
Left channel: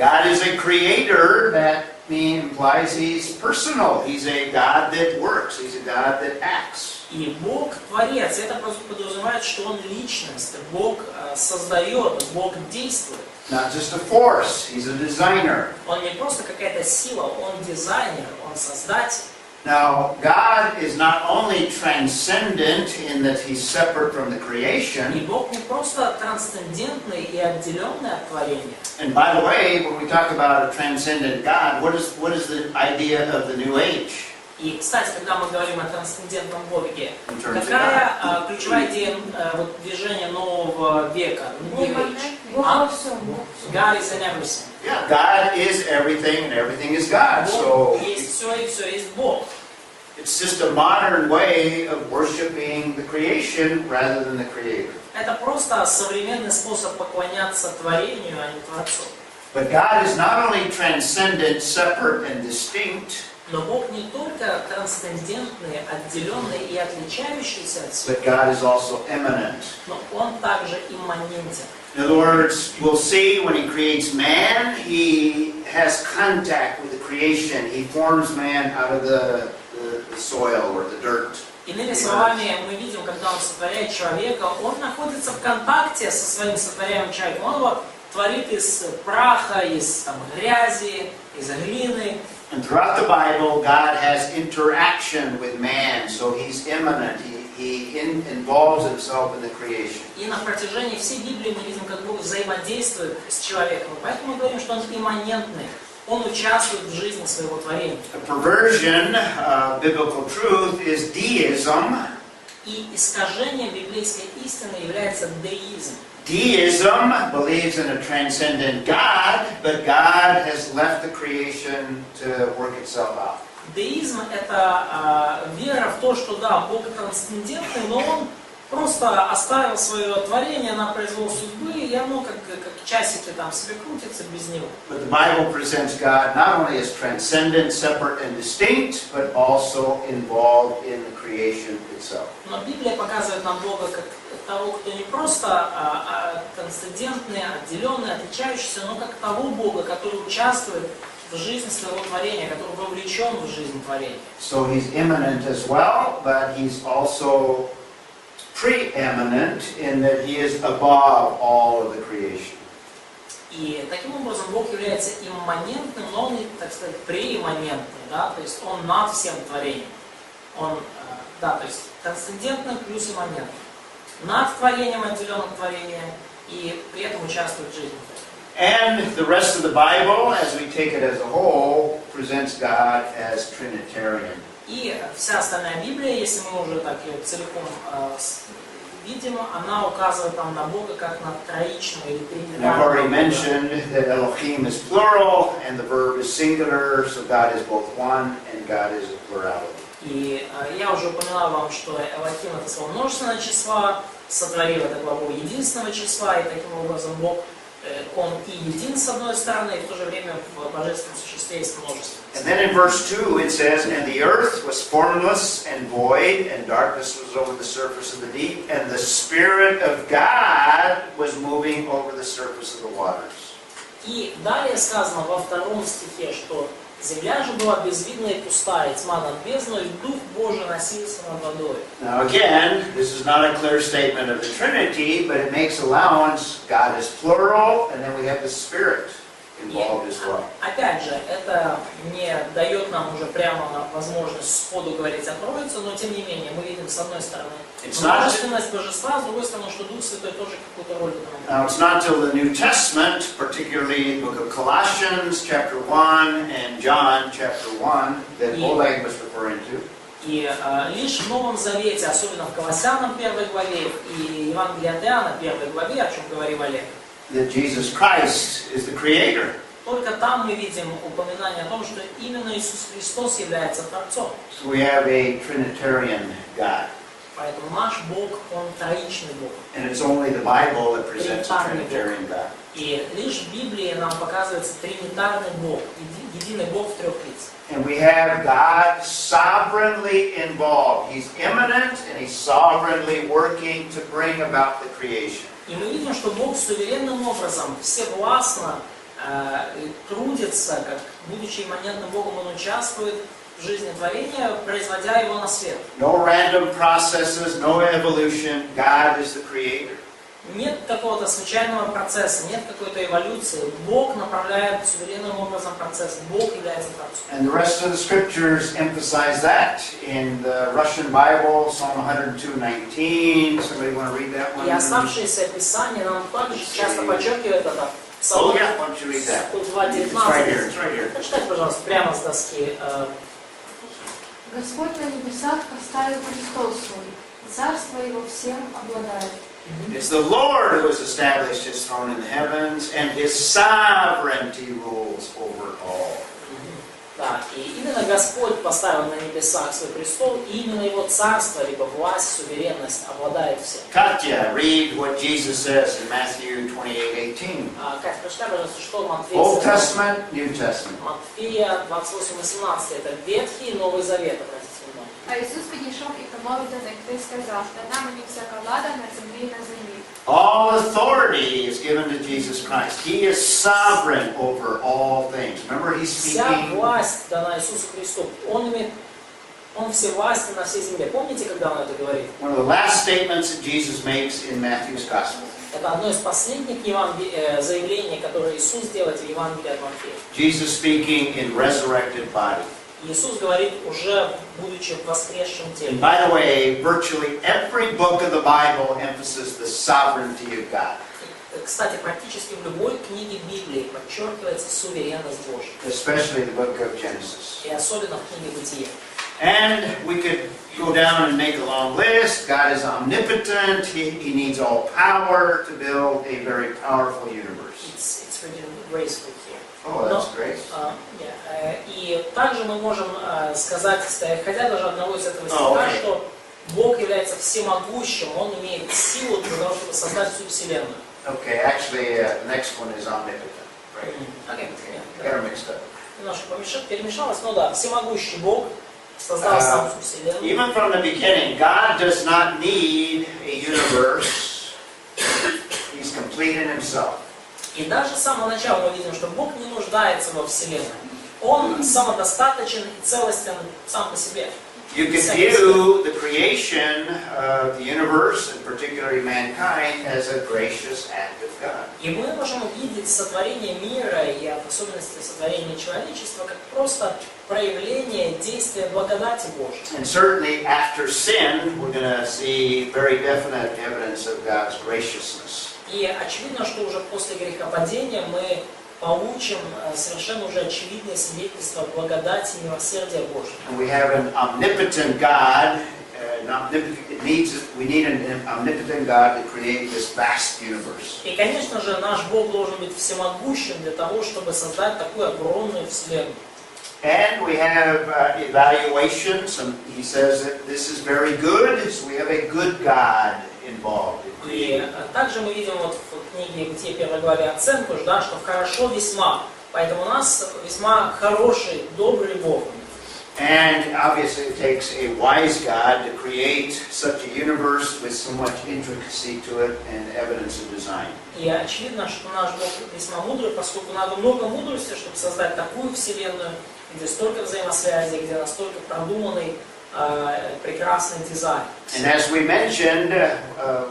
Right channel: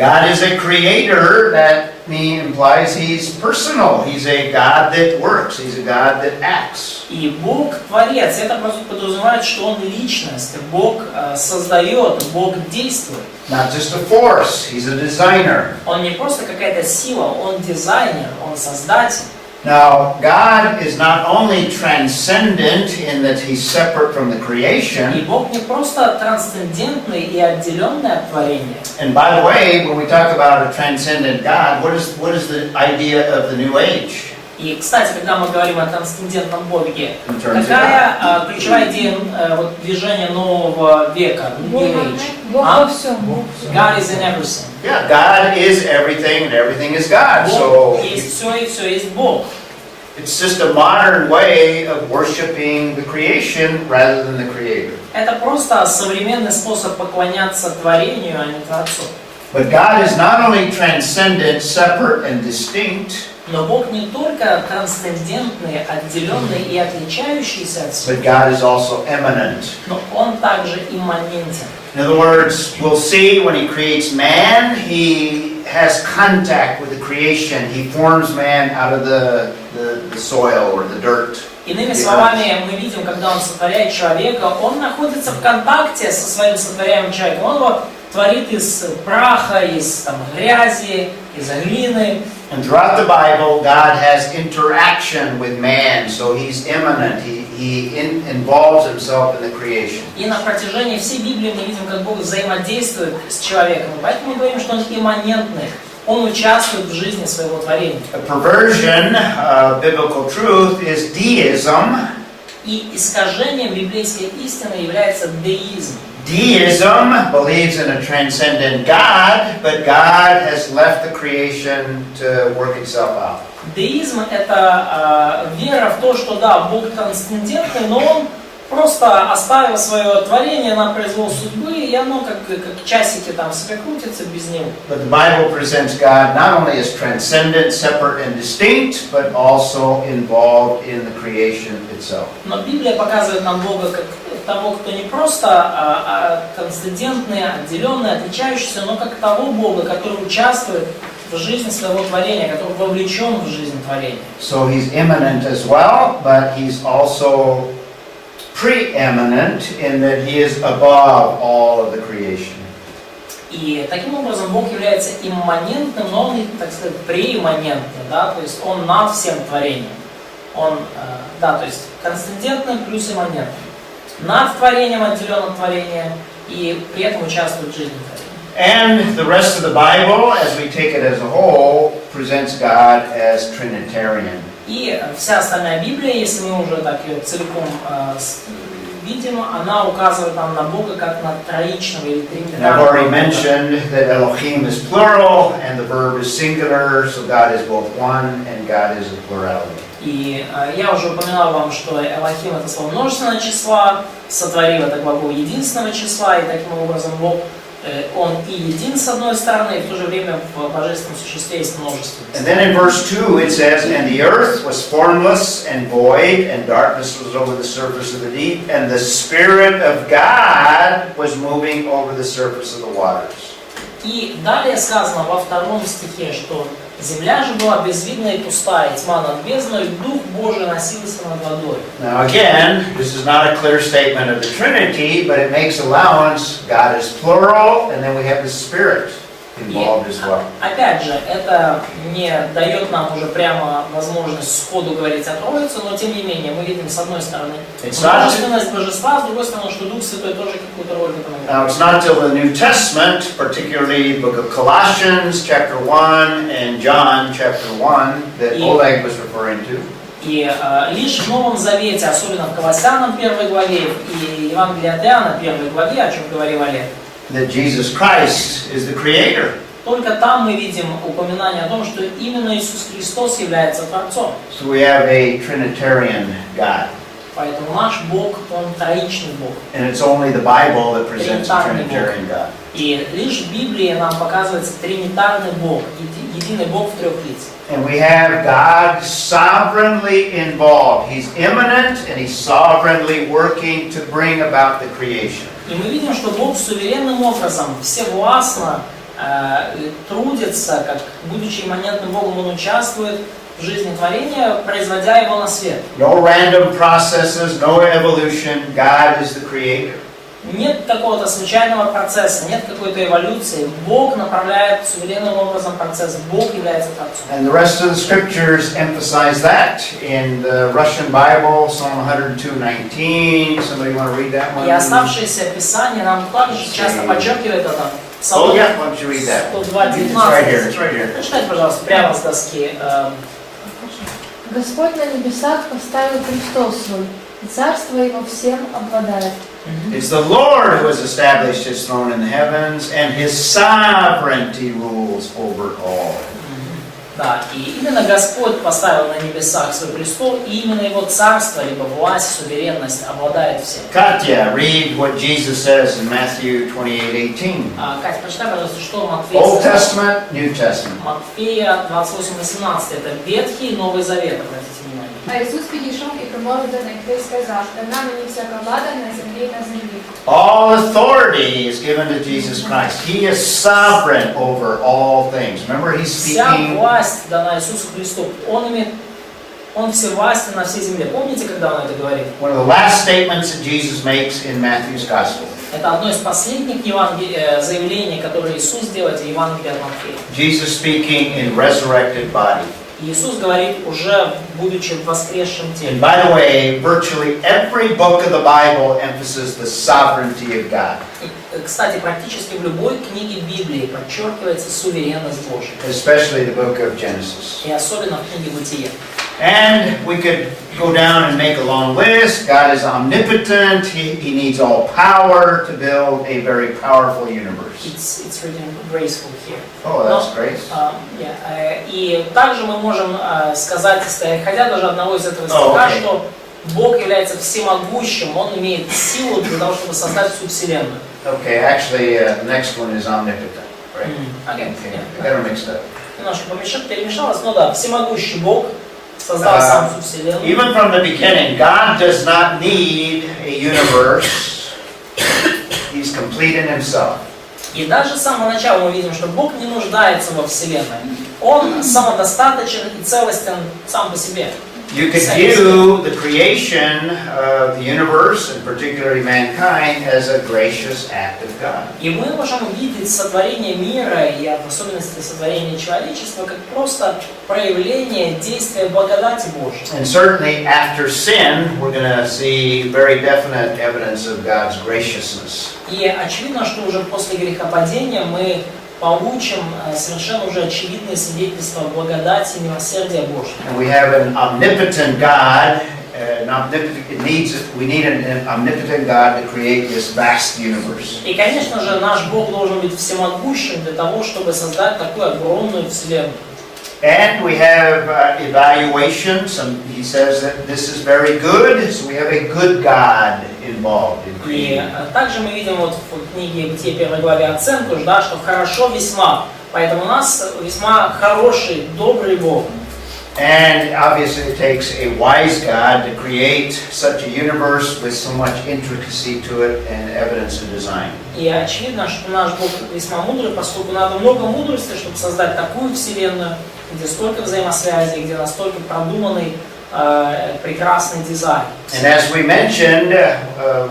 God is a creator. That implies He's personal. He's a God that works. He's a God that acts. И Бог творец, это просто подразумевает, что Он личность, Бог создает, Бог действует. Not just a force. He's a designer. Он не просто какая-то сила, Он дизайнер, Он создатель. Now, God is not only transcendent in that He's separate from the creation. И Бог не просто трансцендентный и отделенный от творения. And by the way, when we talk about a transcendent God, what is the idea of the New Age? И, кстати, когда мы говорим о трансцендентном Боге, In terms of какая ключевая идея движения нового века, New Age? Бог во всем. God is in everything. Yeah, God is everything and everything is God. So Бог есть все и все есть Бог. it's just a modern way of worshiping the creation rather than the Creator. Это просто современный способ поклоняться творению, а не Творцу. But God is not only transcendent, separate, and distinct, Но Бог не только трансцендентный, отделенный и отличающийся от всего, but God is also immanent. но Он также имманентен. In other words, we'll see when He creates man, He has contact with the creation. He forms man out of the soil or the dirt. Иными словами, мы видим, когда Он сотворяет человека, Он находится в контакте со своим сотворяемым человеком. Он его творит из праха, из грязи, из глины. And throughout the Bible, God has interaction with man, so He's immanent. He involves Himself in the creation. И на протяжении всей Библии мы видим, как Бог взаимодействует с человеком. И поэтому мы говорим, что Он имманентный. Он участвует в жизни своего творения. A perversion of biblical truth is deism. И искажением библейской истины является деизм. Deism believes in a transcendent God, but God has left the creation to work itself out. Деизм – это вера в то, что да, Бог трансцендентный, но Он просто оставил свое творение на произвол судьбы, и оно как часики там себе крутится без него. But the Bible presents God not only as transcendent, separate, and distinct, but also involved in the creation itself. Но Библия показывает нам Бога как того, кто не просто трансцендентный, отделенный, отличающийся, но как того Бога, который участвует в жизни своего творения, который вовлечен в жизнь творения. So He's immanent as well, but He's also preeminent in that He is above all of the creation. И таким образом Бог является имманентным, но Он, так сказать, преимманентный, да, то есть Он над всем творением. Он, да, то есть трансцендентный плюс имманентный. Над творением, отделен от творения, и при этом участвует в жизни творения. And the rest of the Bible, as we take it as a whole, presents God as Trinitarian. И вся остальная Библия, если мы уже так ее целиком видим, она указывает нам на Бога как на троичного или And I've already тринитарного. mentioned that Elohim is plural and the verb is singular, so God is both one and God is a plurality. И я уже упоминал вам, что Элохим это слово множественного числа, сотворил это глагол единственного числа, и таким образом Бог, Он и един с одной стороны, и в то же время в божественном существе есть множество. And then in verse 2 it says, And the earth was formless and void, and darkness was over the surface of the deep, and the Spirit of God was moving over the surface of the waters. И далее сказано во втором стихе, что земля же была безвидна и пустая, и тьма над бездной, и Дух Божий носился над водой. Now again, this is not a clear statement of the Trinity, but it makes allowance. God is plural, and then we have the Spirit involved as well. Опять же, это не дает нам уже прямо возможность сходу говорить о Троице, но тем не менее мы видим с одной стороны множественность божества, с другой стороны, что Дух Святой тоже какую-то роль в этом играет. Now it's not till the New Testament, particularly the book of Colossians chapter 1 and John chapter 1, that Oleg was referring to. И лишь в Новом Завете, особенно в Колоссянам 1 главе и Евангелии от Иоанна 1 главе, о чем говорил Олег, That Jesus Christ is the Creator. только там мы видим упоминание о том, что именно Иисус Христос является Творцом. So we have a Trinitarian God. Поэтому наш Бог, Он троичный Бог. And it's only the Bible that presents a Trinitarian God. И лишь в Библии нам показывается тринитарный Бог, единый Бог в трех лицах. And we have God sovereignly involved. He's immanent and He's sovereignly working to bring about the creation. И мы видим, что Бог суверенным образом, всевластно трудится, как будучи имманентным Богом, он участвует в жизни творения, производя его на свет. No random processes, no evolution. God is the creator. Нет какого-то случайного процесса, нет какой-то эволюции. Бог направляет суверенным образом процесс. Бог является Творцом. And the rest of the scriptures emphasize that. In the Russian Bible, Psalm 102:19. Somebody want to read that one? И оставшиеся писания нам также часто подчеркивают это. Oh Псалом yeah, why don't you read that? 102:19. It's right here. It's right here. Прочитайте, пожалуйста, прямо с доски. Господь на небесах поставил престол свой, и царство его всем обладает. It's the Lord who has established his throne in the heavens, and his sovereignty rules over all. Да, и именно Господь поставил на небесах свой престол, и именно его царство, либо власть, суверенность обладает всем. Katya, read what Jesus says in Matthew 28:18. Катя, прочитай, пожалуйста, что Матфея Old сказал. Testament, New Testament. Матфея 28:18. Это Ветхий и Новый Завет, обратите внимание. А Ісус підійшов і промовив до них, та й сказав, дана мені всяка влада на землі і на землі. All authority is given to Jesus Christ. He is sovereign over all things. Remember, he's Вся speaking. власть дана Иисусу Христу. Он всевластен на всей земле. Помните, когда он это говорит? One of the last statements that Jesus makes in Matthew's Gospel. Это одно из последних заявлений, которые Иисус делает в Евангелии от Матфея. Jesus speaking in resurrected body. Иисус говорит, уже будучи в воскресшем теле. And by the way, virtually every book of the Bible emphasizes the sovereignty of God. Кстати, практически в любой книге Библии подчеркивается суверенность Божья. Especially the book of Genesis. И особенно в книге Бытия. And we could go down and make a long list. God is omnipotent. He needs all power to build a very powerful universe. It's written graceful here. Oh, that's great. И также мы можем сказать, исходя даже одного из этого стиха, что Бог является всемогущим, Он имеет силу для того, чтобы создать всю Вселенную. Okay, actually, the next one is omnipotent, right? Okay. I got them mixed up. Немножко перемешалось, но да, всемогущий Бог создал сам всю Вселенную. Even from the beginning, God does not need a universe. He's complete in Himself. И даже с самого начала мы видим, что Бог не нуждается во Вселенной. Он самодостаточен и целостен сам по себе. You could view the creation of the universe, and particularly mankind, as a gracious act of God. И мы можем видеть сотворение мира и в особенности сотворение человечества как просто проявление действия благодати Божьей. And certainly after sin, we're going to see very definite evidence of God's graciousness. И очевидно, что уже после грехопадения мы получим совершенно уже очевидное свидетельство благодати и милосердия Божьего. And we have an omnipotent God. We need an omnipotent God to create this vast universe. И, конечно же, наш Бог должен быть всемогущим для того, чтобы создать такую огромную вселенную. And we have evaluation. He says that this is very good, so we have a good God involved in И creating. также мы видим вот в книге Бытия 1 главе оценку, да, что хорошо весьма. Поэтому у нас весьма хороший, добрый Бог. And obviously it takes a wise God to create such a universe with so much intricacy to it and evidence of design. И очевидно, что наш Бог весьма мудрый, поскольку надо много мудрости, чтобы создать такую вселенную, где столько взаимосвязей, где настолько продуманный, прекрасный дизайн. And as we mentioned,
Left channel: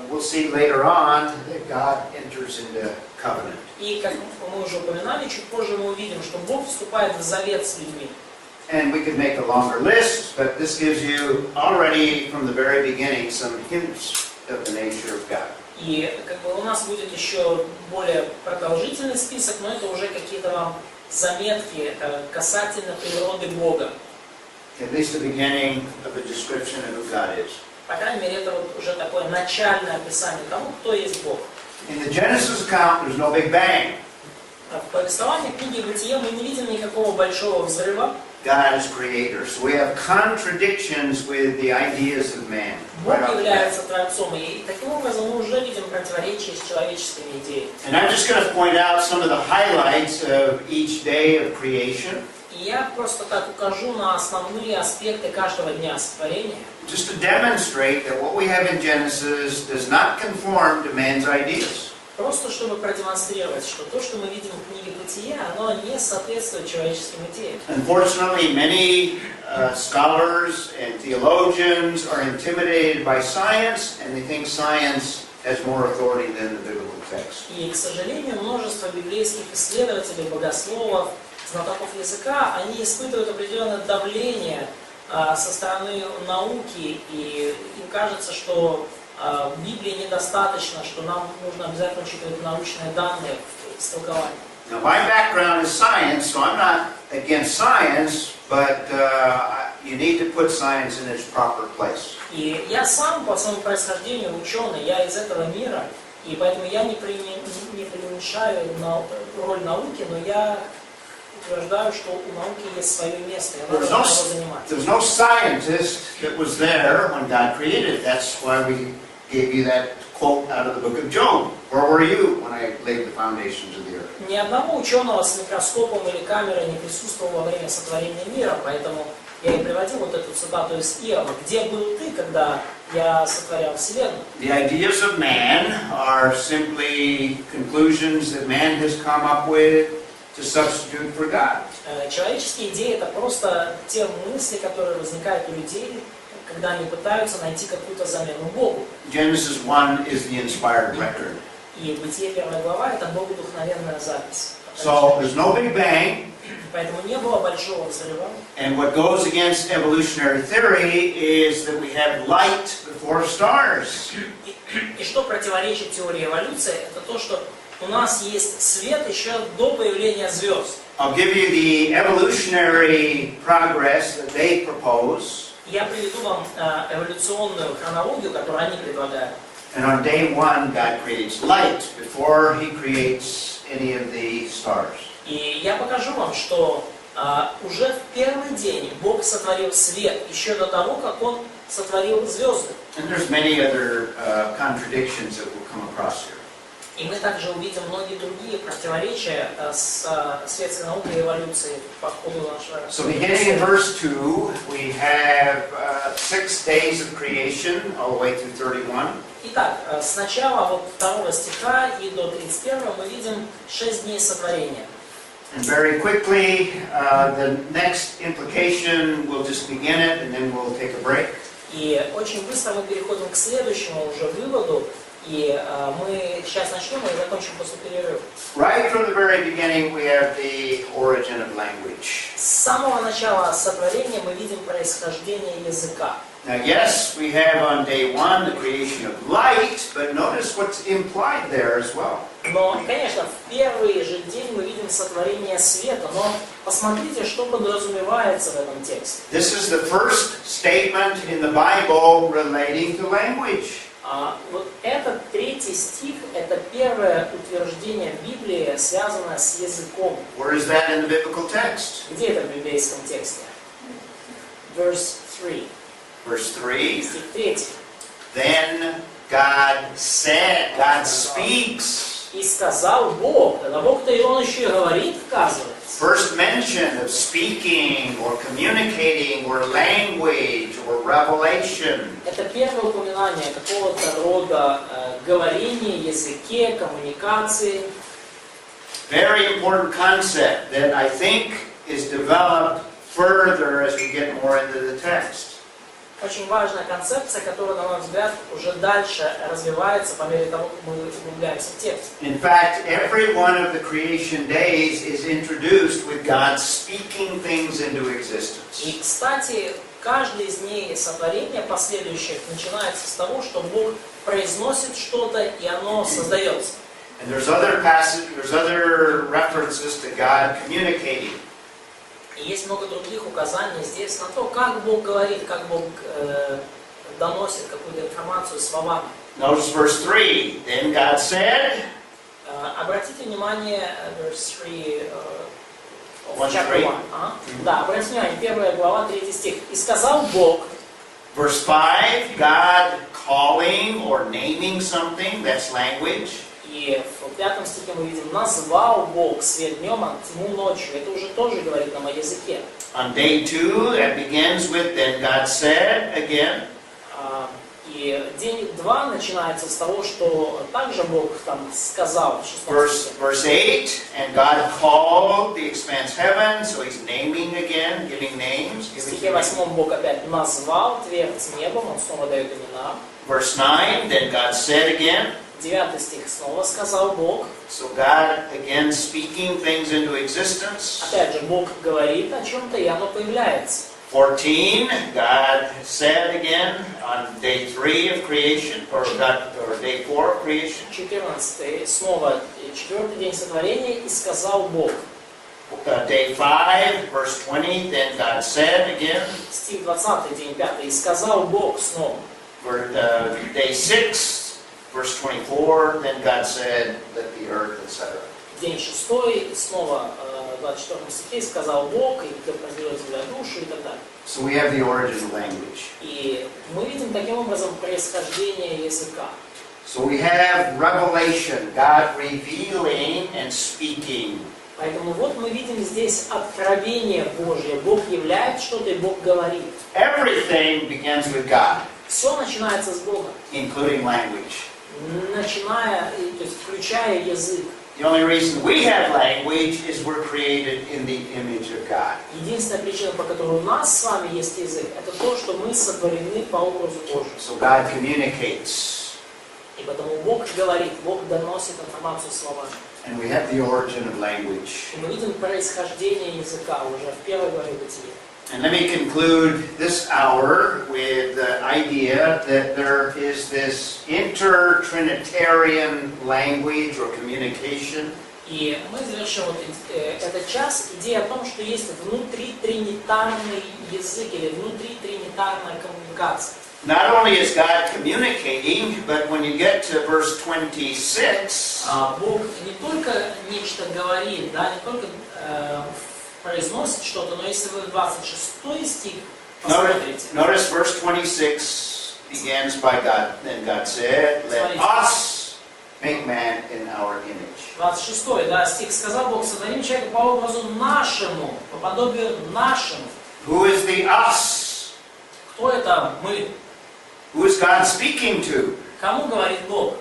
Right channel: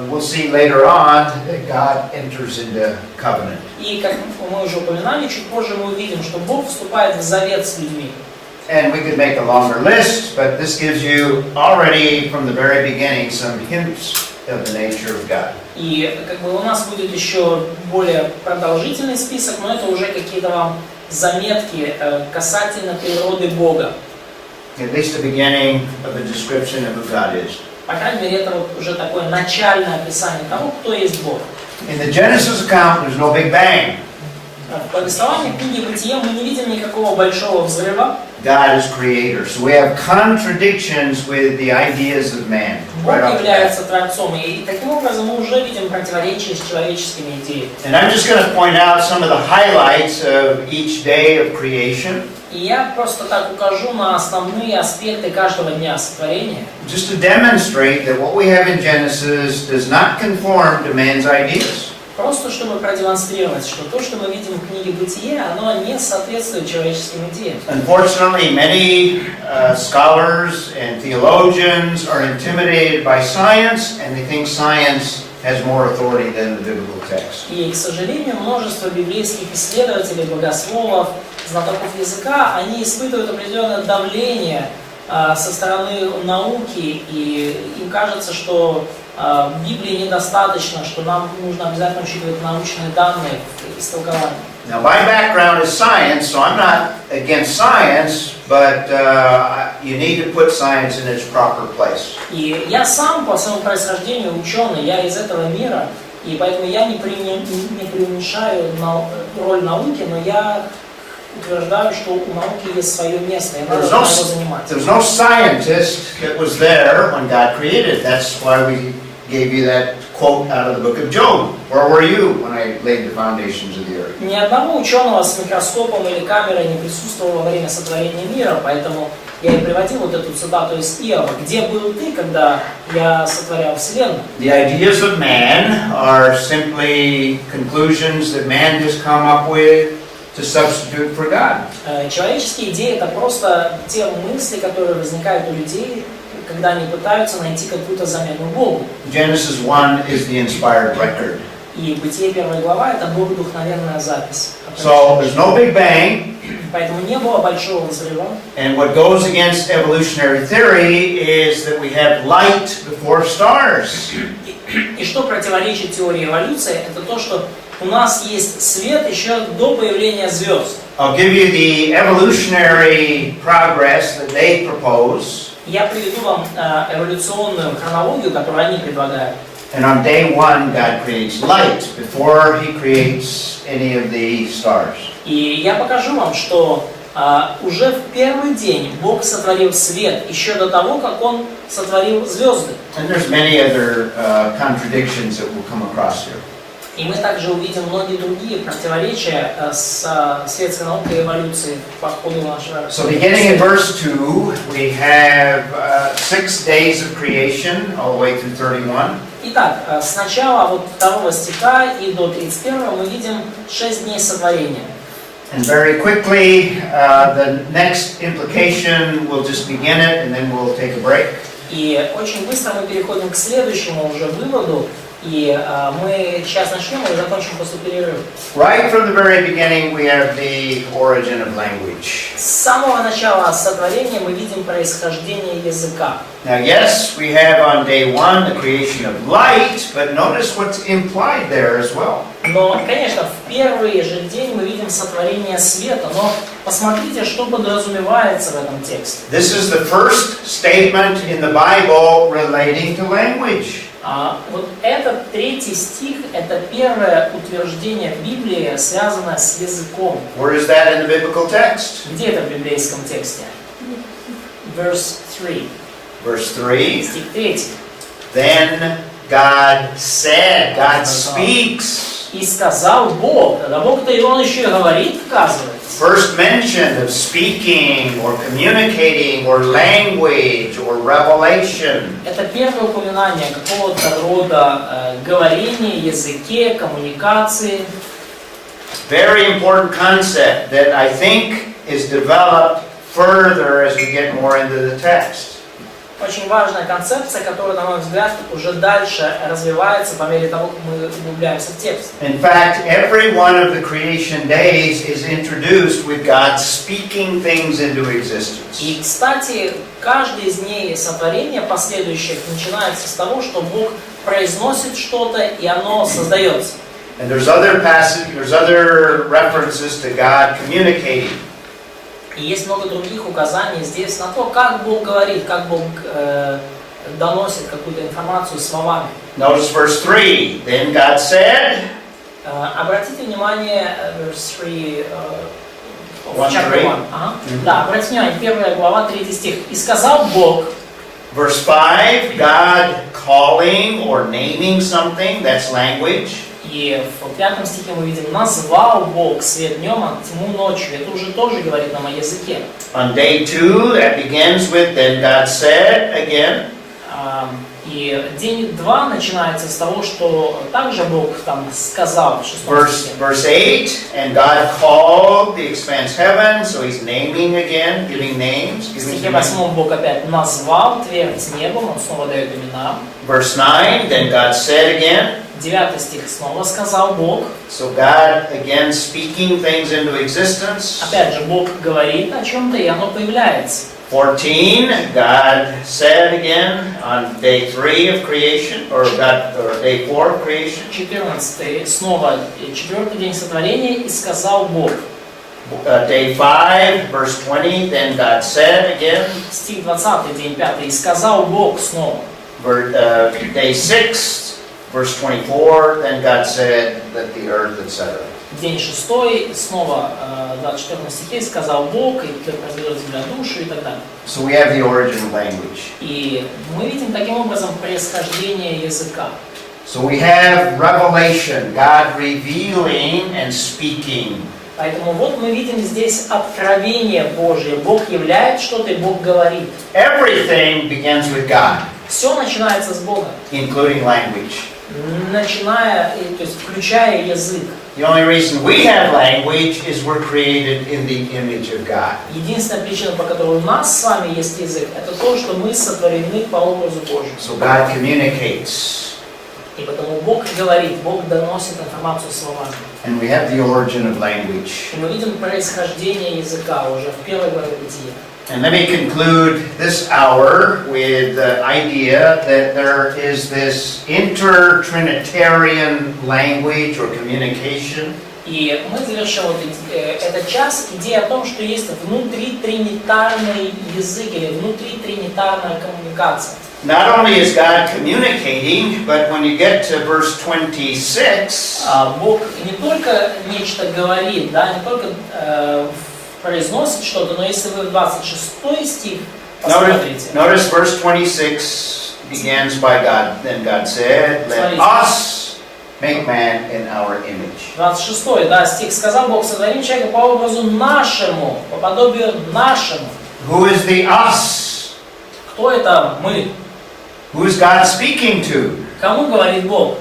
we'll see later on that God enters into covenant. И как мы уже упоминали, чуть позже мы увидим, что Бог вступает в завет с людьми. And we could make a longer list, but this gives you already from the very beginning some hints of the nature of God. И как бы у нас будет еще более продолжительный список, но это уже какие-то вам заметки касательно природы Бога. At least the beginning of a description of who God is. По крайней мере, это вот уже такое начальное описание того, кто есть Бог. In the Genesis account, there's no Big Bang. В повествовании книги Бытия мы не видим никакого большого взрыва. God is creator. So we have contradictions with the ideas of man. Бог Right off the bat. является Творцом, и таким образом мы уже видим противоречие с человеческими идеями. And I'm just going to point out some of the highlights of each day of creation. И я просто так укажу на основные аспекты каждого дня сотворения. Just to demonstrate that what we have in Genesis does not conform to man's ideas. Просто чтобы продемонстрировать, что то, что мы видим в книге «Бытие», оно не соответствует человеческим идеям. Unfortunately, many scholars and theologians are intimidated by science, and they think science has more authority than the biblical text. И, к сожалению, множество библейских исследователей, богословов, знатоков языка, они испытывают определенное давление со стороны науки, и им кажется, что Библии недостаточно, что нам нужно обязательно учитывать научные данные в истолковании. Now, my background is science, so I'm not against science, but you need to put science in its proper place. И я сам по своему происхождению ученый, я из этого мира, и поэтому я не преуменьшаю роль науки, но я утверждаю, что у науки есть свое место, и надо его занимать. There was no scientist that was there when God created. That's why we gave you that quote out of the book of Job. Where were you when I laid the foundations of the earth? Ни одного ученого с микроскопом или камерой не присутствовало во время сотворения мира, поэтому я и приводил вот эту цитату из Иова. Где был ты, когда я сотворял вселенную? The ideas of man are simply conclusions that man has come up with to substitute for God. Человеческие идеи — это просто те мысли, которые возникают у людей, когда они пытаются найти какую-то замену Богу. Genesis 1 is the inspired record. И Бытие 1 глава — это богодухновенная запись. So there's no Big Bang. Поэтому не было большого взрыва. And what goes against evolutionary theory is that we have light before stars. И что противоречит теории эволюции, это то, что у нас есть свет еще до появления звезд. I'll give you the evolutionary progress that they propose. Я приведу вам эволюционную хронологию, которую они предлагают. And on day one, God creates light before He creates any of the stars. И я покажу вам, что уже в первый день Бог сотворил свет, еще до того, как Он сотворил звезды. And there's many other contradictions that we'll come across here. И мы также увидим многие другие противоречия с светской наукой и эволюцией по ходу нашего. So beginning in verse 2, we have 6 days of creation all the way through 31. Итак, с начала вот 2 стиха и до 31 мы видим 6 дней сотворения. And very quickly, the next implication, we'll just begin it and then we'll take a break. И очень быстро мы переходим к следующему уже выводу. И мы сейчас начнем и закончим после перерыва. Right from the very beginning, we have the origin of language. С самого начала сотворения мы видим происхождение языка. Now, yes, we have on day one the creation of light, but notice what's implied there as well. Но, конечно, в первый же день мы видим сотворение света, но посмотрите, что подразумевается в этом тексте. This is the first statement in the Bible relating to language. Вот этот 3 стих – это первое утверждение в Библии, связанное с языком. Where is that in the biblical text? Где это в библейском тексте? Verse 3. Verse 3. Стих 3. Then God said, God speaks. И сказал Бог. Когда Бог-то и Он еще и говорит, оказывается. First mention of speaking or communicating or language or revelation. Это первое упоминание какого-то рода говорения, языке, коммуникации. Very important concept that I think is developed further as we get more into the text. Очень важная концепция, которая, на мой взгляд, уже дальше развивается по мере того, как мы углубляемся в текст. In fact, every one of the creation days is introduced with God speaking things into existence. И, кстати, каждый из дней сотворения последующих начинается с того, что Бог произносит что-то, и оно создается. And there's other references to God communicating. И есть много других указаний здесь на то, как Бог говорит, как Бог доносит какую-то информацию словами. Notice verse 3. Then God said. Обратите внимание, verse 3, chapter 1:3. 1. Да, обратите внимание, 1 глава, 3 стих. И сказал Бог. Verse 5. God calling or naming something. That's language. И в 5 стихе мы видим, назвал Бог свет днем, а тьму ночью. Это уже тоже говорит нам о языке. On day 2, that begins with, then God said again. И день 2 начинается с того, что также Бог там сказал в 6 стихе. Verse 8, and God called the expanse heaven, so he's naming again, giving names. В стихе 8 Бог опять назвал твердь небом, он снова дает имена. Verse 9, then God said again. 9 стих снова сказал Бог. So God again speaking things into existence. Опять же, Бог говорит о чем-то, и оно появляется. 14, God said again on day 3 of creation, or day 4 of creation. 14 снова 4-й день сотворения, и сказал Бог. Day 5, verse 20, then God said again. Стих 20, день 5, и сказал Бог снова. Day 6, verse 24, then God said, let the earth, etc. День 6, снова 24 стихе, сказал Бог, и произвел земля душу, и так далее. So we have the origin of language. И мы видим таким образом происхождение языка. So we have revelation, God revealing and speaking. Поэтому вот мы видим здесь откровение Божие. Бог являет что-то, и Бог говорит. Everything begins with God, Все начинается с Бога, including language. то есть включая язык. The only reason we have language is we're created in the image of God. Единственная причина, по которой у нас с вами есть язык, это то, что мы сотворены по образу Божьему. So God communicates. И потому Бог говорит, Бог доносит информацию словами. And we have the origin of language. И мы видим происхождение языка уже в первой главе Бытия. And let me conclude this hour with the idea that there is this inter-Trinitarian language or communication. И мы завершим этот час идеей о том, что есть внутритринитарный язык или внутритринитарная коммуникация. Not only is God communicating, but when you get to verse 26, Бог не только нечто говорит, да, не только произносит что-то, но если вы в 26 стих посмотрите. Notice verse 26 begins by God. Then God said, let us make man in our image. 26, да, стих сказал Бог, сотворим человека по образу нашему, по подобию нашему. Who is the us? Кто это мы? Who is God speaking to? Кому говорит Бог?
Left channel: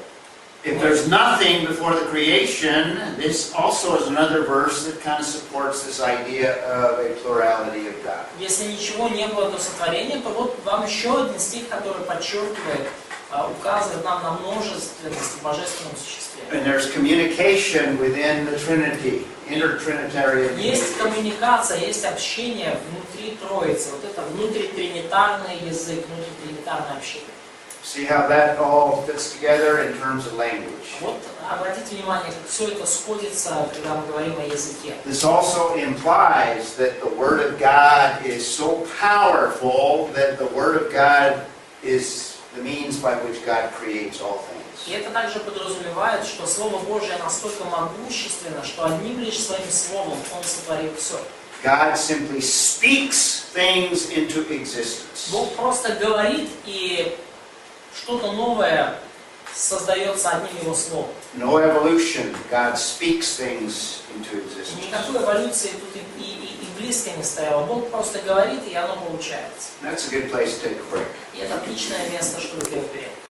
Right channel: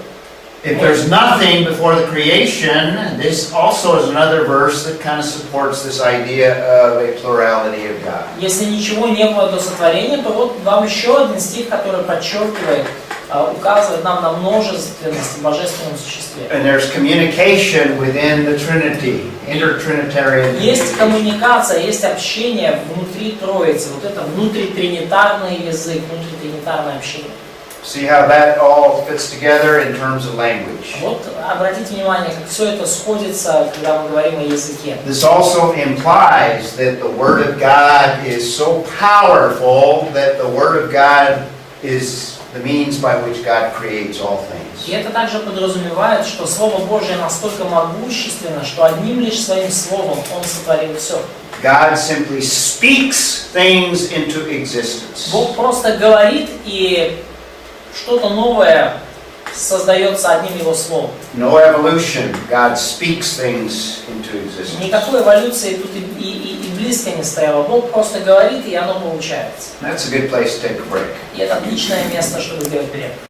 If there's nothing before the creation, this also is another verse that kind of supports this idea of a plurality of God. Если ничего не было до сотворения, то вот вам еще один стих, который подчеркивает, указывает нам на множественность в божественном существе. And there's communication within the Trinity, inter-Trinitarian. Есть коммуникация, есть общение внутри Троицы. Вот это внутритринитарный язык, внутритринитарное общение. See how that all fits together in terms of language. Вот обратите внимание, как все это сходится, когда мы говорим о языке. This also implies that the Word of God is so powerful that the Word of God is the means by which God creates all things. И это также подразумевает, что Слово Божие настолько могущественно, что одним лишь своим словом Он сотворил все. God simply speaks things into existence. Бог просто говорит, и что-то новое создается одним Его словом. No evolution. God speaks things into existence. Никакой эволюции тут и близко не стояло. Бог просто говорит, и оно получается. That's a good place to take a break. И это отличное место, чтобы сделать перерыв.